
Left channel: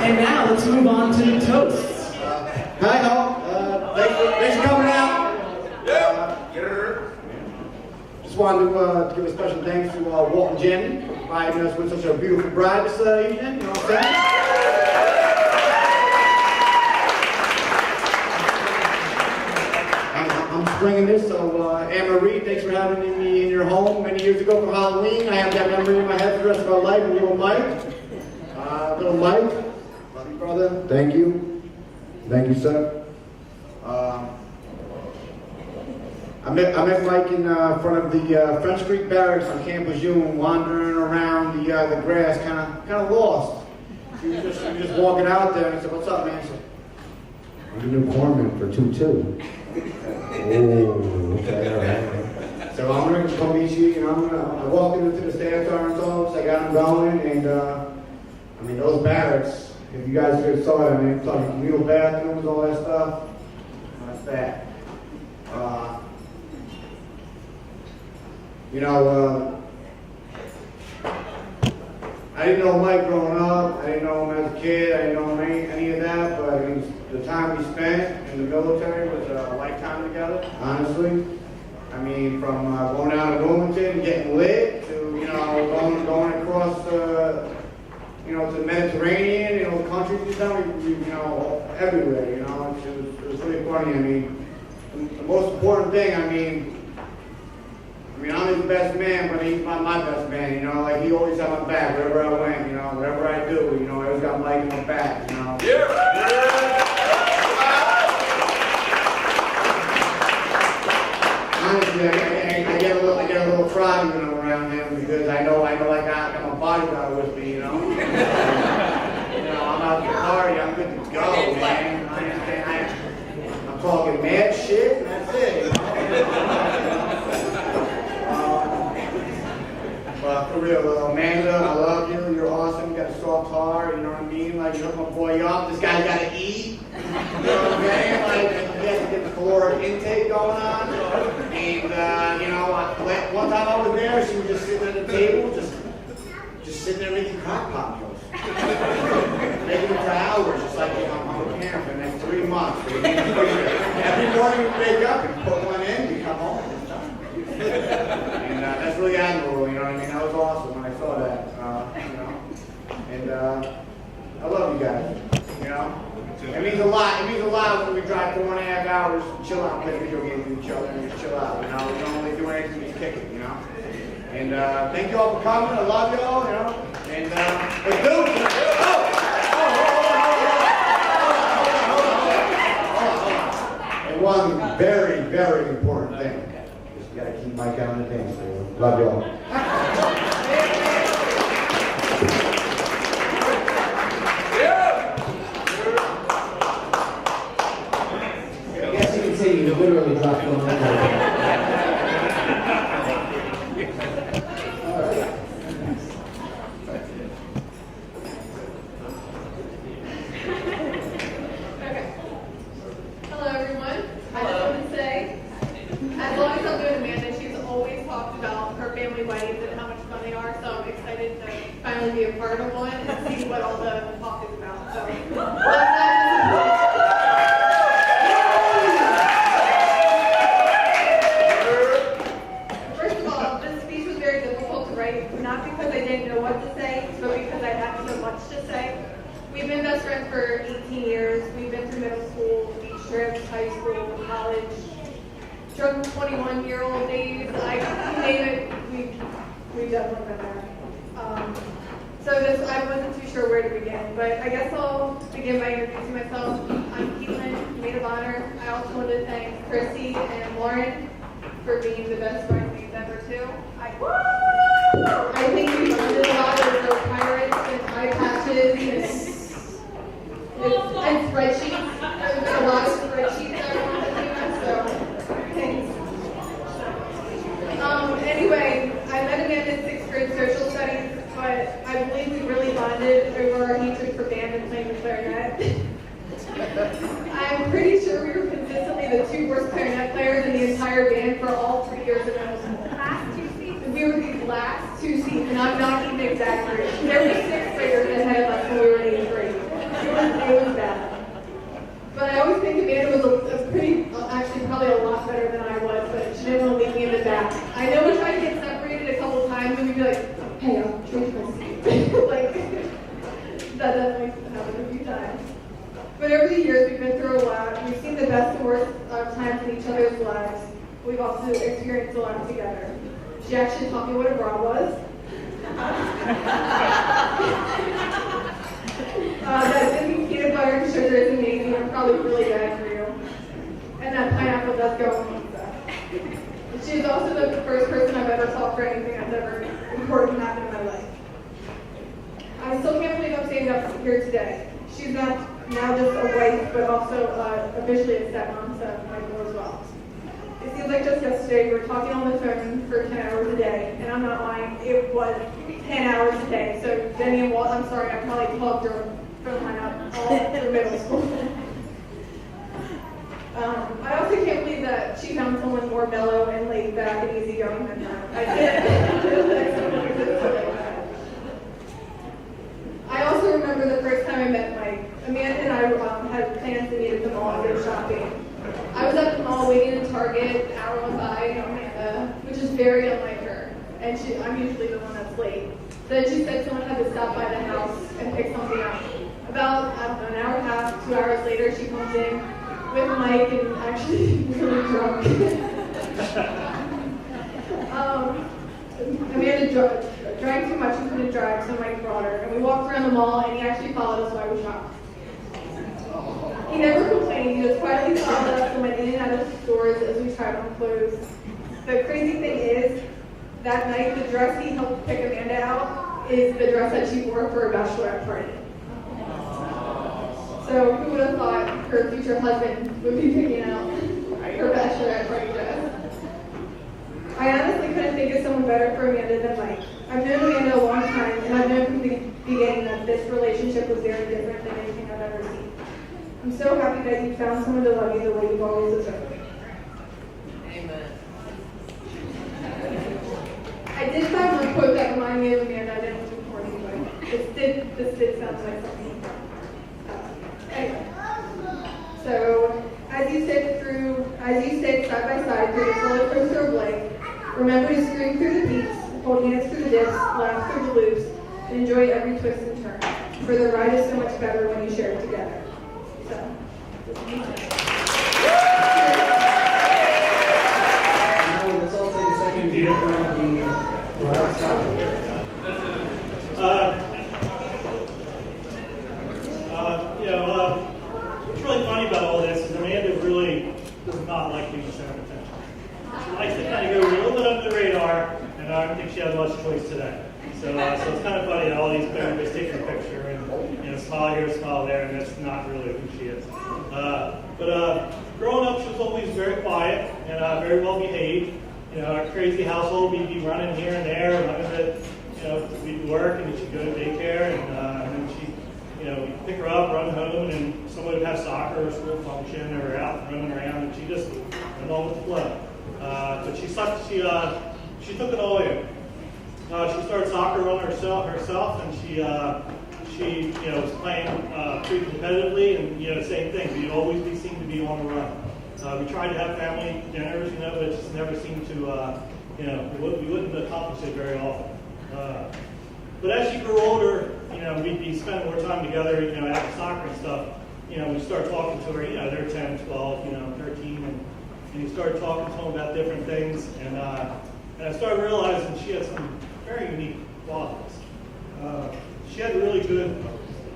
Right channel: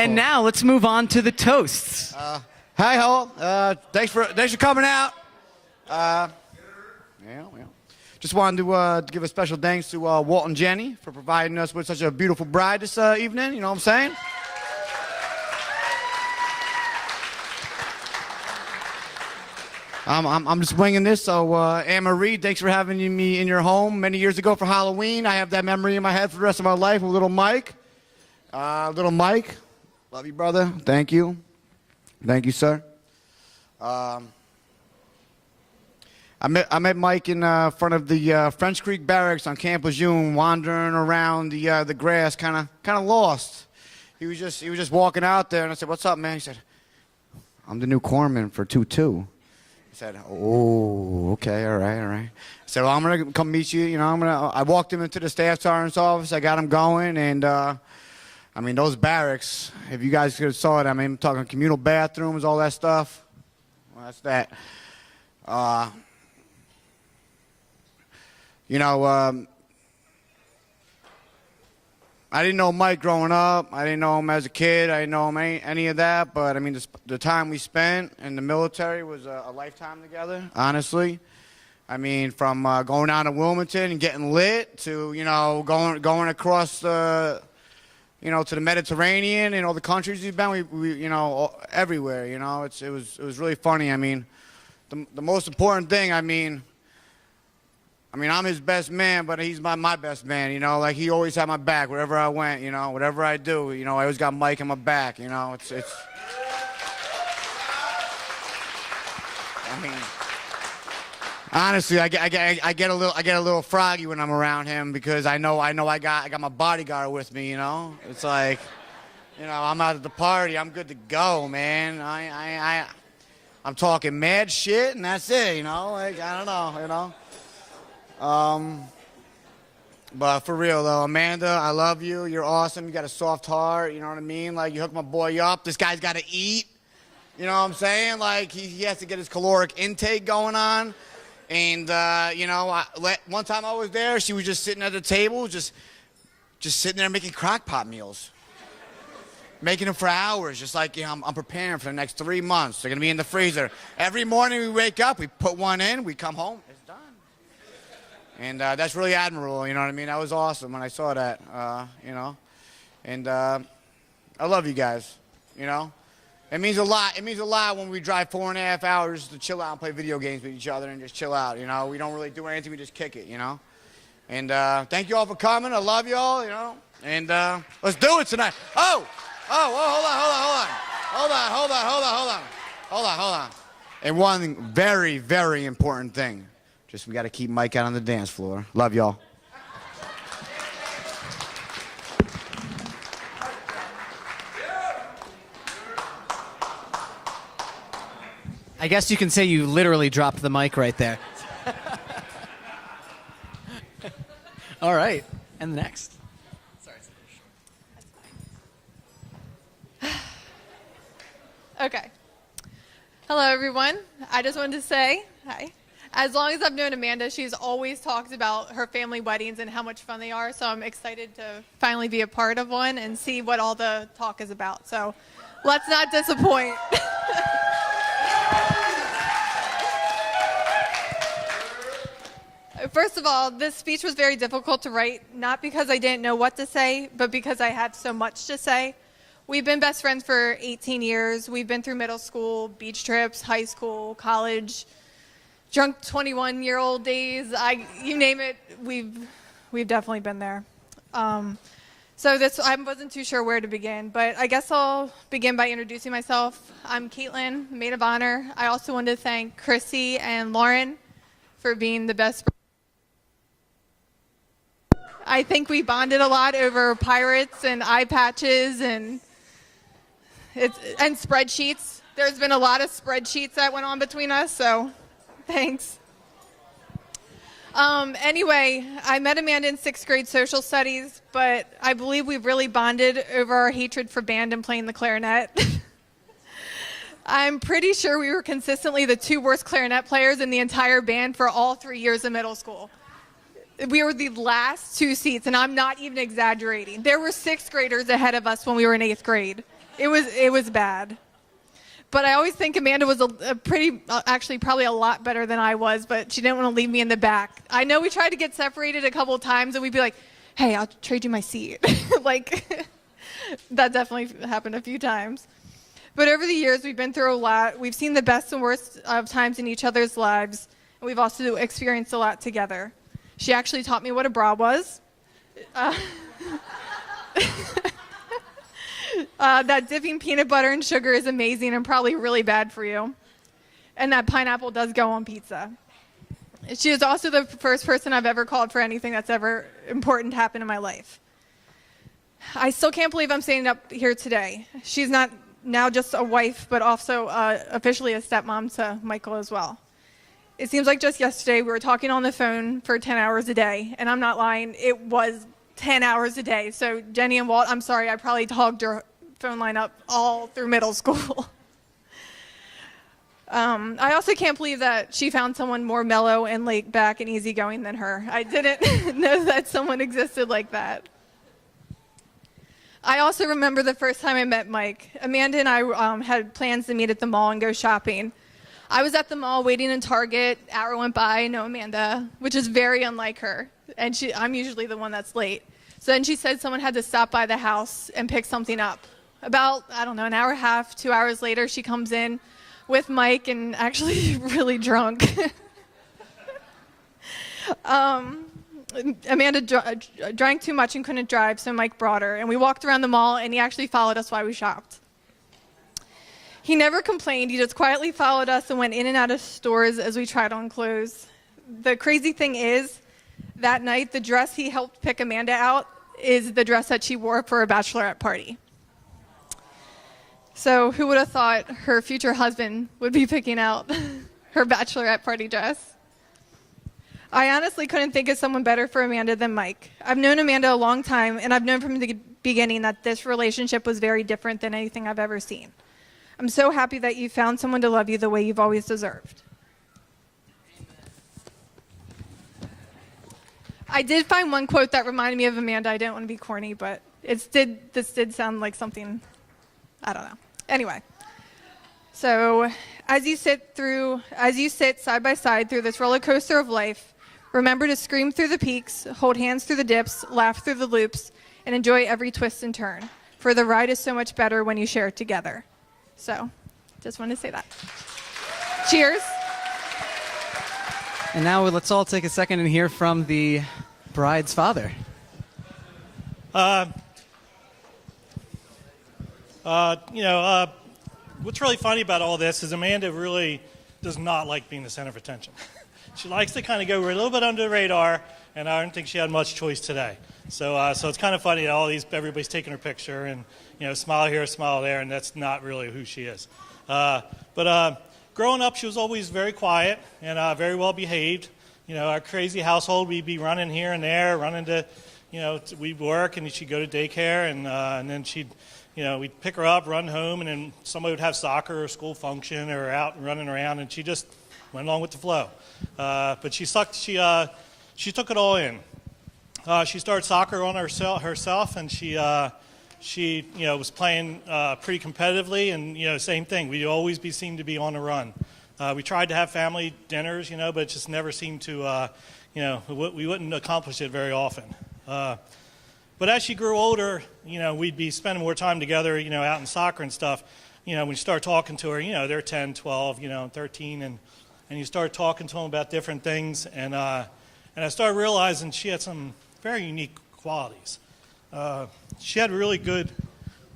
And now let's move on to the toasts. Hi all. Thanks for coming out. Just wanted to give a special thanks to Walt and Jenny for providing us with such a beautiful bride this evening. You know what I'm saying? I'm just bringing this. So Anne-Marie, thanks for having me in your home many years ago for Halloween. I have that memory in my head for the rest of my life. With little Mike. Little Mike. Love you, brother. Thank you. Thank you, sir. I met Mike in front of the French Creek Barracks on Camp Lejeune, wandering around the grass, kind of lost. He was just walking out there, and I said, "What's up, man?" He said, "I'm the new corpsman for 2-2." I said, "Oh, okay, all right." I said, "Well, I'm gonna come meet you. You know, I walked him into the staff sergeant's office. I got him going, and I mean, those barracks. If you guys could have saw it, I mean, I'm talking communal bathrooms, all that stuff. That's that. You know, I didn't know Mike growing up. I didn't know him as a kid. I didn't know him any of that. But I mean, the time we spent in the military was a lifetime together. Honestly, I mean, from going down to Wilmington and getting lit to going across the to the Mediterranean, the countries he's been. We everywhere. It was really funny. I mean, the most important thing. I mean, I'm his best man, but he's my best man, like he always had my back wherever I went, whatever I do, I always got Mike in my back, Honestly, I get a little froggy when I'm around him because I know I got my bodyguard with me, It's like, I'm out at the party, I'm good to go, man. I'm talking mad shit and that's it, I don't know. But for real though, Amanda, I love you. You're awesome. You got a soft heart. You know what I mean? Like you hook my boy up. This guy's got to eat. You know what I'm saying? Like he has to get his caloric intake going on. And like one time I was there, she was just sitting at the table, just sitting there making crock pot meals, making them for hours. Just like I'm preparing for the next 3 months. They're gonna be in the freezer. Every morning we wake up, we put one in, we come home. And that's really admirable, you know what I mean? That was awesome when I saw that, And I love you guys, It means a lot. It means a lot when we drive 4.5 hours to chill out and play video games with each other and just chill out, We don't really do anything, we just kick it, And thank you all for coming. I love y'all, And let's do it tonight. Hold on. And one very, very important thing. We got to keep Mike out on the dance floor. Love y'all. I guess you can say you literally dropped the mic right there. All right, and next. Okay. Hello, everyone. I just wanted to say, hi. As long as I've known Amanda, she's always talked about her family weddings and how much fun they are, so I'm excited to finally be a part of one and see what all the talk is about. So let's not disappoint. First of all, this speech was very difficult to write, not because I didn't know what to say, but because I had so much to say. We've been best friends for 18 years. We've been through middle school, beach trips, high school, college, drunk 21-year-old days, you name it, we've definitely been there. So I wasn't too sure where to begin, but I guess I'll begin by introducing myself. I'm Caitlin, maid of honor. I also want to thank Chrissy and Lauren for being the best bridesmaids ever too. I think we bonded a lot over pirates and eye patches and spreadsheets. There's been a lot of spreadsheets that went on between us, so thanks. Anyway, I met Amanda in 6th grade social studies, but I believe we really bonded over our hatred for band and playing the clarinet. I'm pretty sure we were consistently the 2 worst clarinet players in the entire band for all 3 years of middle school. We were the last 2 seats, and I'm not even exaggerating. There were 6th graders ahead of us when we were in 8th grade. It was bad. But I always think Amanda was actually probably a lot better than I was, but she didn't want to leave me in the back. I know we tried to get separated a couple times, and we'd be like, hey, I'll trade you my seat. Like, that definitely happened a few times. But over the years, we've been through a lot. We've seen the best and worst of times in each other's lives. We've also experienced a lot together. She actually taught me what a bra was. That dipping peanut butter and sugar is amazing and probably really bad for you. And that pineapple does go on pizza. She is also the first person I've ever called for anything that's ever important happened in my life. I still can't believe I'm standing up here today. She's not now just a wife, but also officially a stepmom to Michael as well. It seems like just yesterday we were talking on the phone for 10 hours a day, and I'm not lying, it was 10 hours a day. So Jenny and Walt, I'm sorry, I probably talked her phone line up all through middle school. I also can't believe that she found someone more mellow and laid back and easygoing than her. I didn't know that someone existed like that. I also remember the first time I met Mike. Amanda and I had plans to meet at the mall and go shopping. I was at the mall waiting in Target, hour went by, no Amanda, which is very unlike her. And I'm usually the one that's late. So then she said someone had to stop by the house and pick something up. About, I don't know, an hour and a half, 2 hours later, she comes in with Mike and actually really drunk. Amanda drank too much and couldn't drive, so Mike brought her. And we walked around the mall, and he actually followed us while we shopped. He never complained, he just quietly followed us and went in and out of stores as we tried on clothes. The crazy thing is, that night, the dress he helped pick Amanda out is the dress that she wore for a bachelorette party. So who would have thought her future husband would be picking out her bachelorette party dress? I honestly couldn't think of someone better for Amanda than Mike. I've known Amanda a long time, and I've known from the beginning that this relationship was very different than anything I've ever seen. I'm so happy that you found someone to love you the way you've always deserved. I did find one quote that reminded me of Amanda. I didn't want to be corny, but this did sound like something, I don't know. Anyway, so as you sit side by side through this roller coaster of life, remember to scream through the peaks, hold hands through the dips, laugh through the loops, and enjoy every twist and turn. For the ride is so much better when you share it together. So, just want to say that. Cheers. And now let's all take a second and hear from the bride's father. What's really funny about all this is Amanda really does not like being the center of attention. She likes to kind of go a little bit under the radar, and I don't think she had much choice today. So it's kind of funny that everybody's taking her picture, and smile here, smile there, and that's not really who she is. But growing up, she was always very quiet and very well behaved. A crazy household. We'd be running here and there, running to we'd work, and then she'd go to daycare, and then she'd we'd pick her up, run home, and then somebody would have soccer or school function, or out and running around, and she just went along with the flow. But she took it all in. She started soccer on herself, and she was playing pretty competitively, and same thing. We'd always seemed to be on the run. We tried to have family dinners, but it just never seemed to, we wouldn't accomplish it very often. But as she grew older, we'd be spending more time together, out in soccer and stuff. We'd start talking to her, they're 10, 12, 13, and you start talking to them about different things, and I started realizing she had some very unique qualities. She had a really good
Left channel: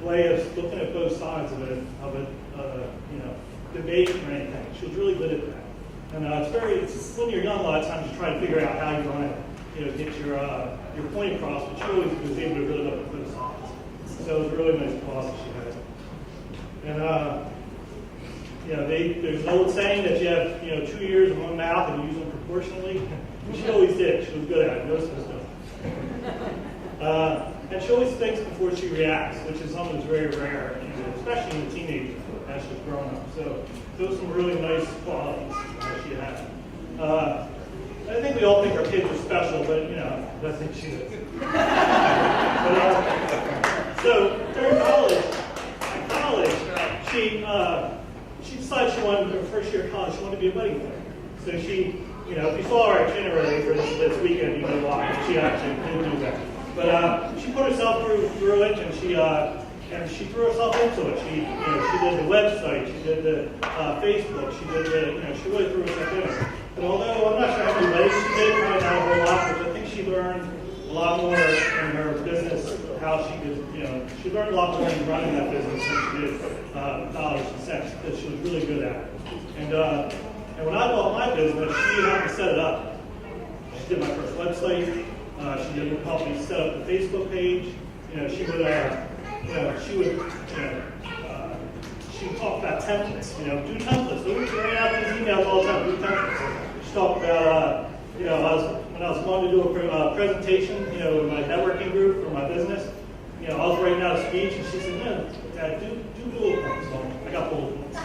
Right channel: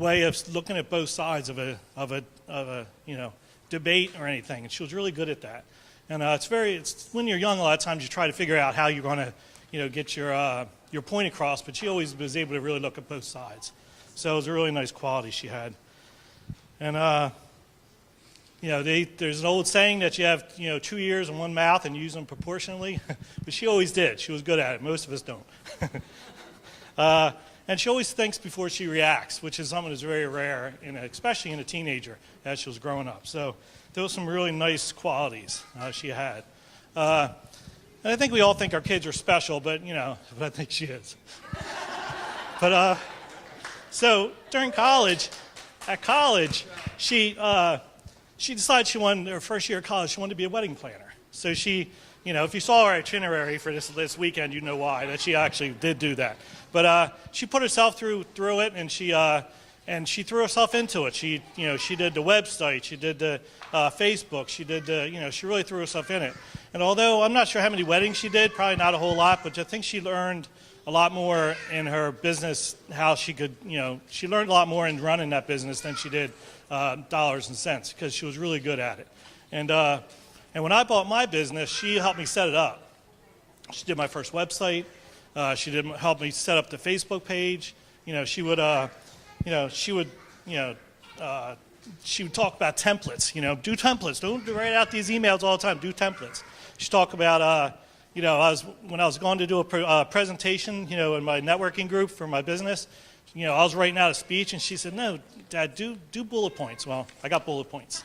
way of looking at both sides of a debate or anything. She was really good at that. And it's when you're young, a lot of times you try to figure out how you want to, get your point across, but she always was able to really look at both sides. So it was a really nice quality she had. And there's an old saying that you have 2 ears and 1 mouth and use them proportionally. But she always did. She was good at it. Most of us don't. And she always thinks before she reacts, which is something that's very rare, especially in a teenager as she was growing up. So those were some really nice qualities she had. And I think we all think our kids are special, but I think she is. So during college, she decided she wanted, her first year of college, she wanted to be a wedding planner. So she, if you saw our itinerary for this weekend, you know why. And she actually did do that. But she put herself through it, and she threw herself into it. She did the website, she did the Facebook, she did she really threw herself in it. And although I'm not sure how many weddings she did, probably not a whole lot, but I think she learned a lot more in her business, how she could, she learned a lot more in running that business than she did dollars and cents, because she was really good at it. And when I bought my business, she helped me set it up. She did my first website. She did help me set up the Facebook page. She would talk about templates. Do templates. Don't write out these emails all the time. Do templates. She talked about, when I was going to do a presentation, in my networking group for my business. I was writing out a speech, and she said, "No, Dad, do bullet points." Well, I got bullet points.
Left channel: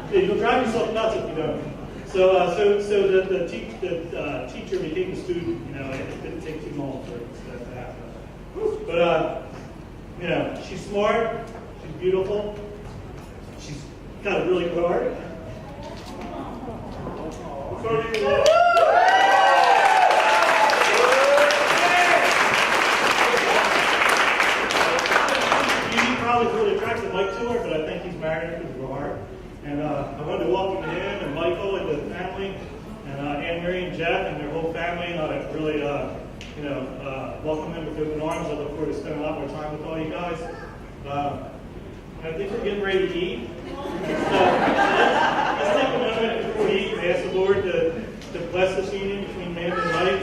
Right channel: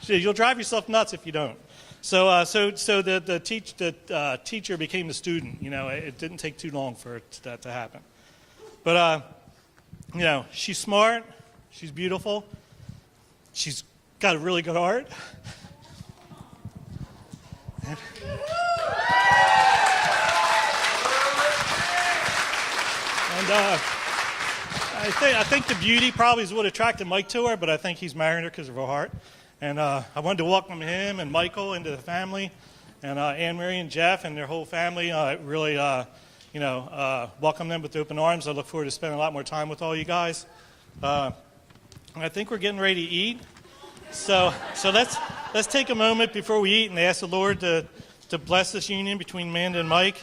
She said, "You'll drive yourself nuts if you don't." So the teacher became the student. It didn't take too long for that to happen. But she's smart. She's beautiful. She's got a really good heart. I think the beauty probably is what attracted Mike to her, but I think he's married her because of her heart. And I wanted to welcome him and Michael and the family, and Anne Marie and Jeff and their whole family. Really, welcome them with open arms. I look forward to spending a lot more time with all you guys. I think we're getting ready to eat. So let's take a moment before we eat and ask the Lord to bless this union between Amanda and Mike.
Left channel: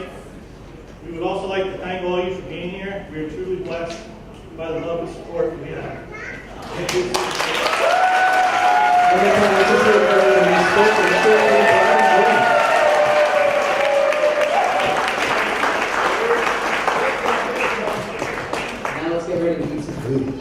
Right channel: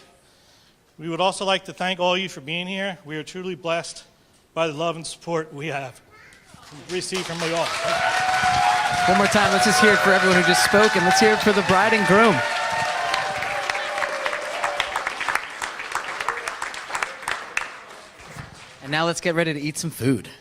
We would also like to thank all of you for being here. We are truly blessed by the love and support we have. One more time, let's just hear it for everyone who just spoke, and let's hear it for the bride and groom. Now let's get ready to eat some food.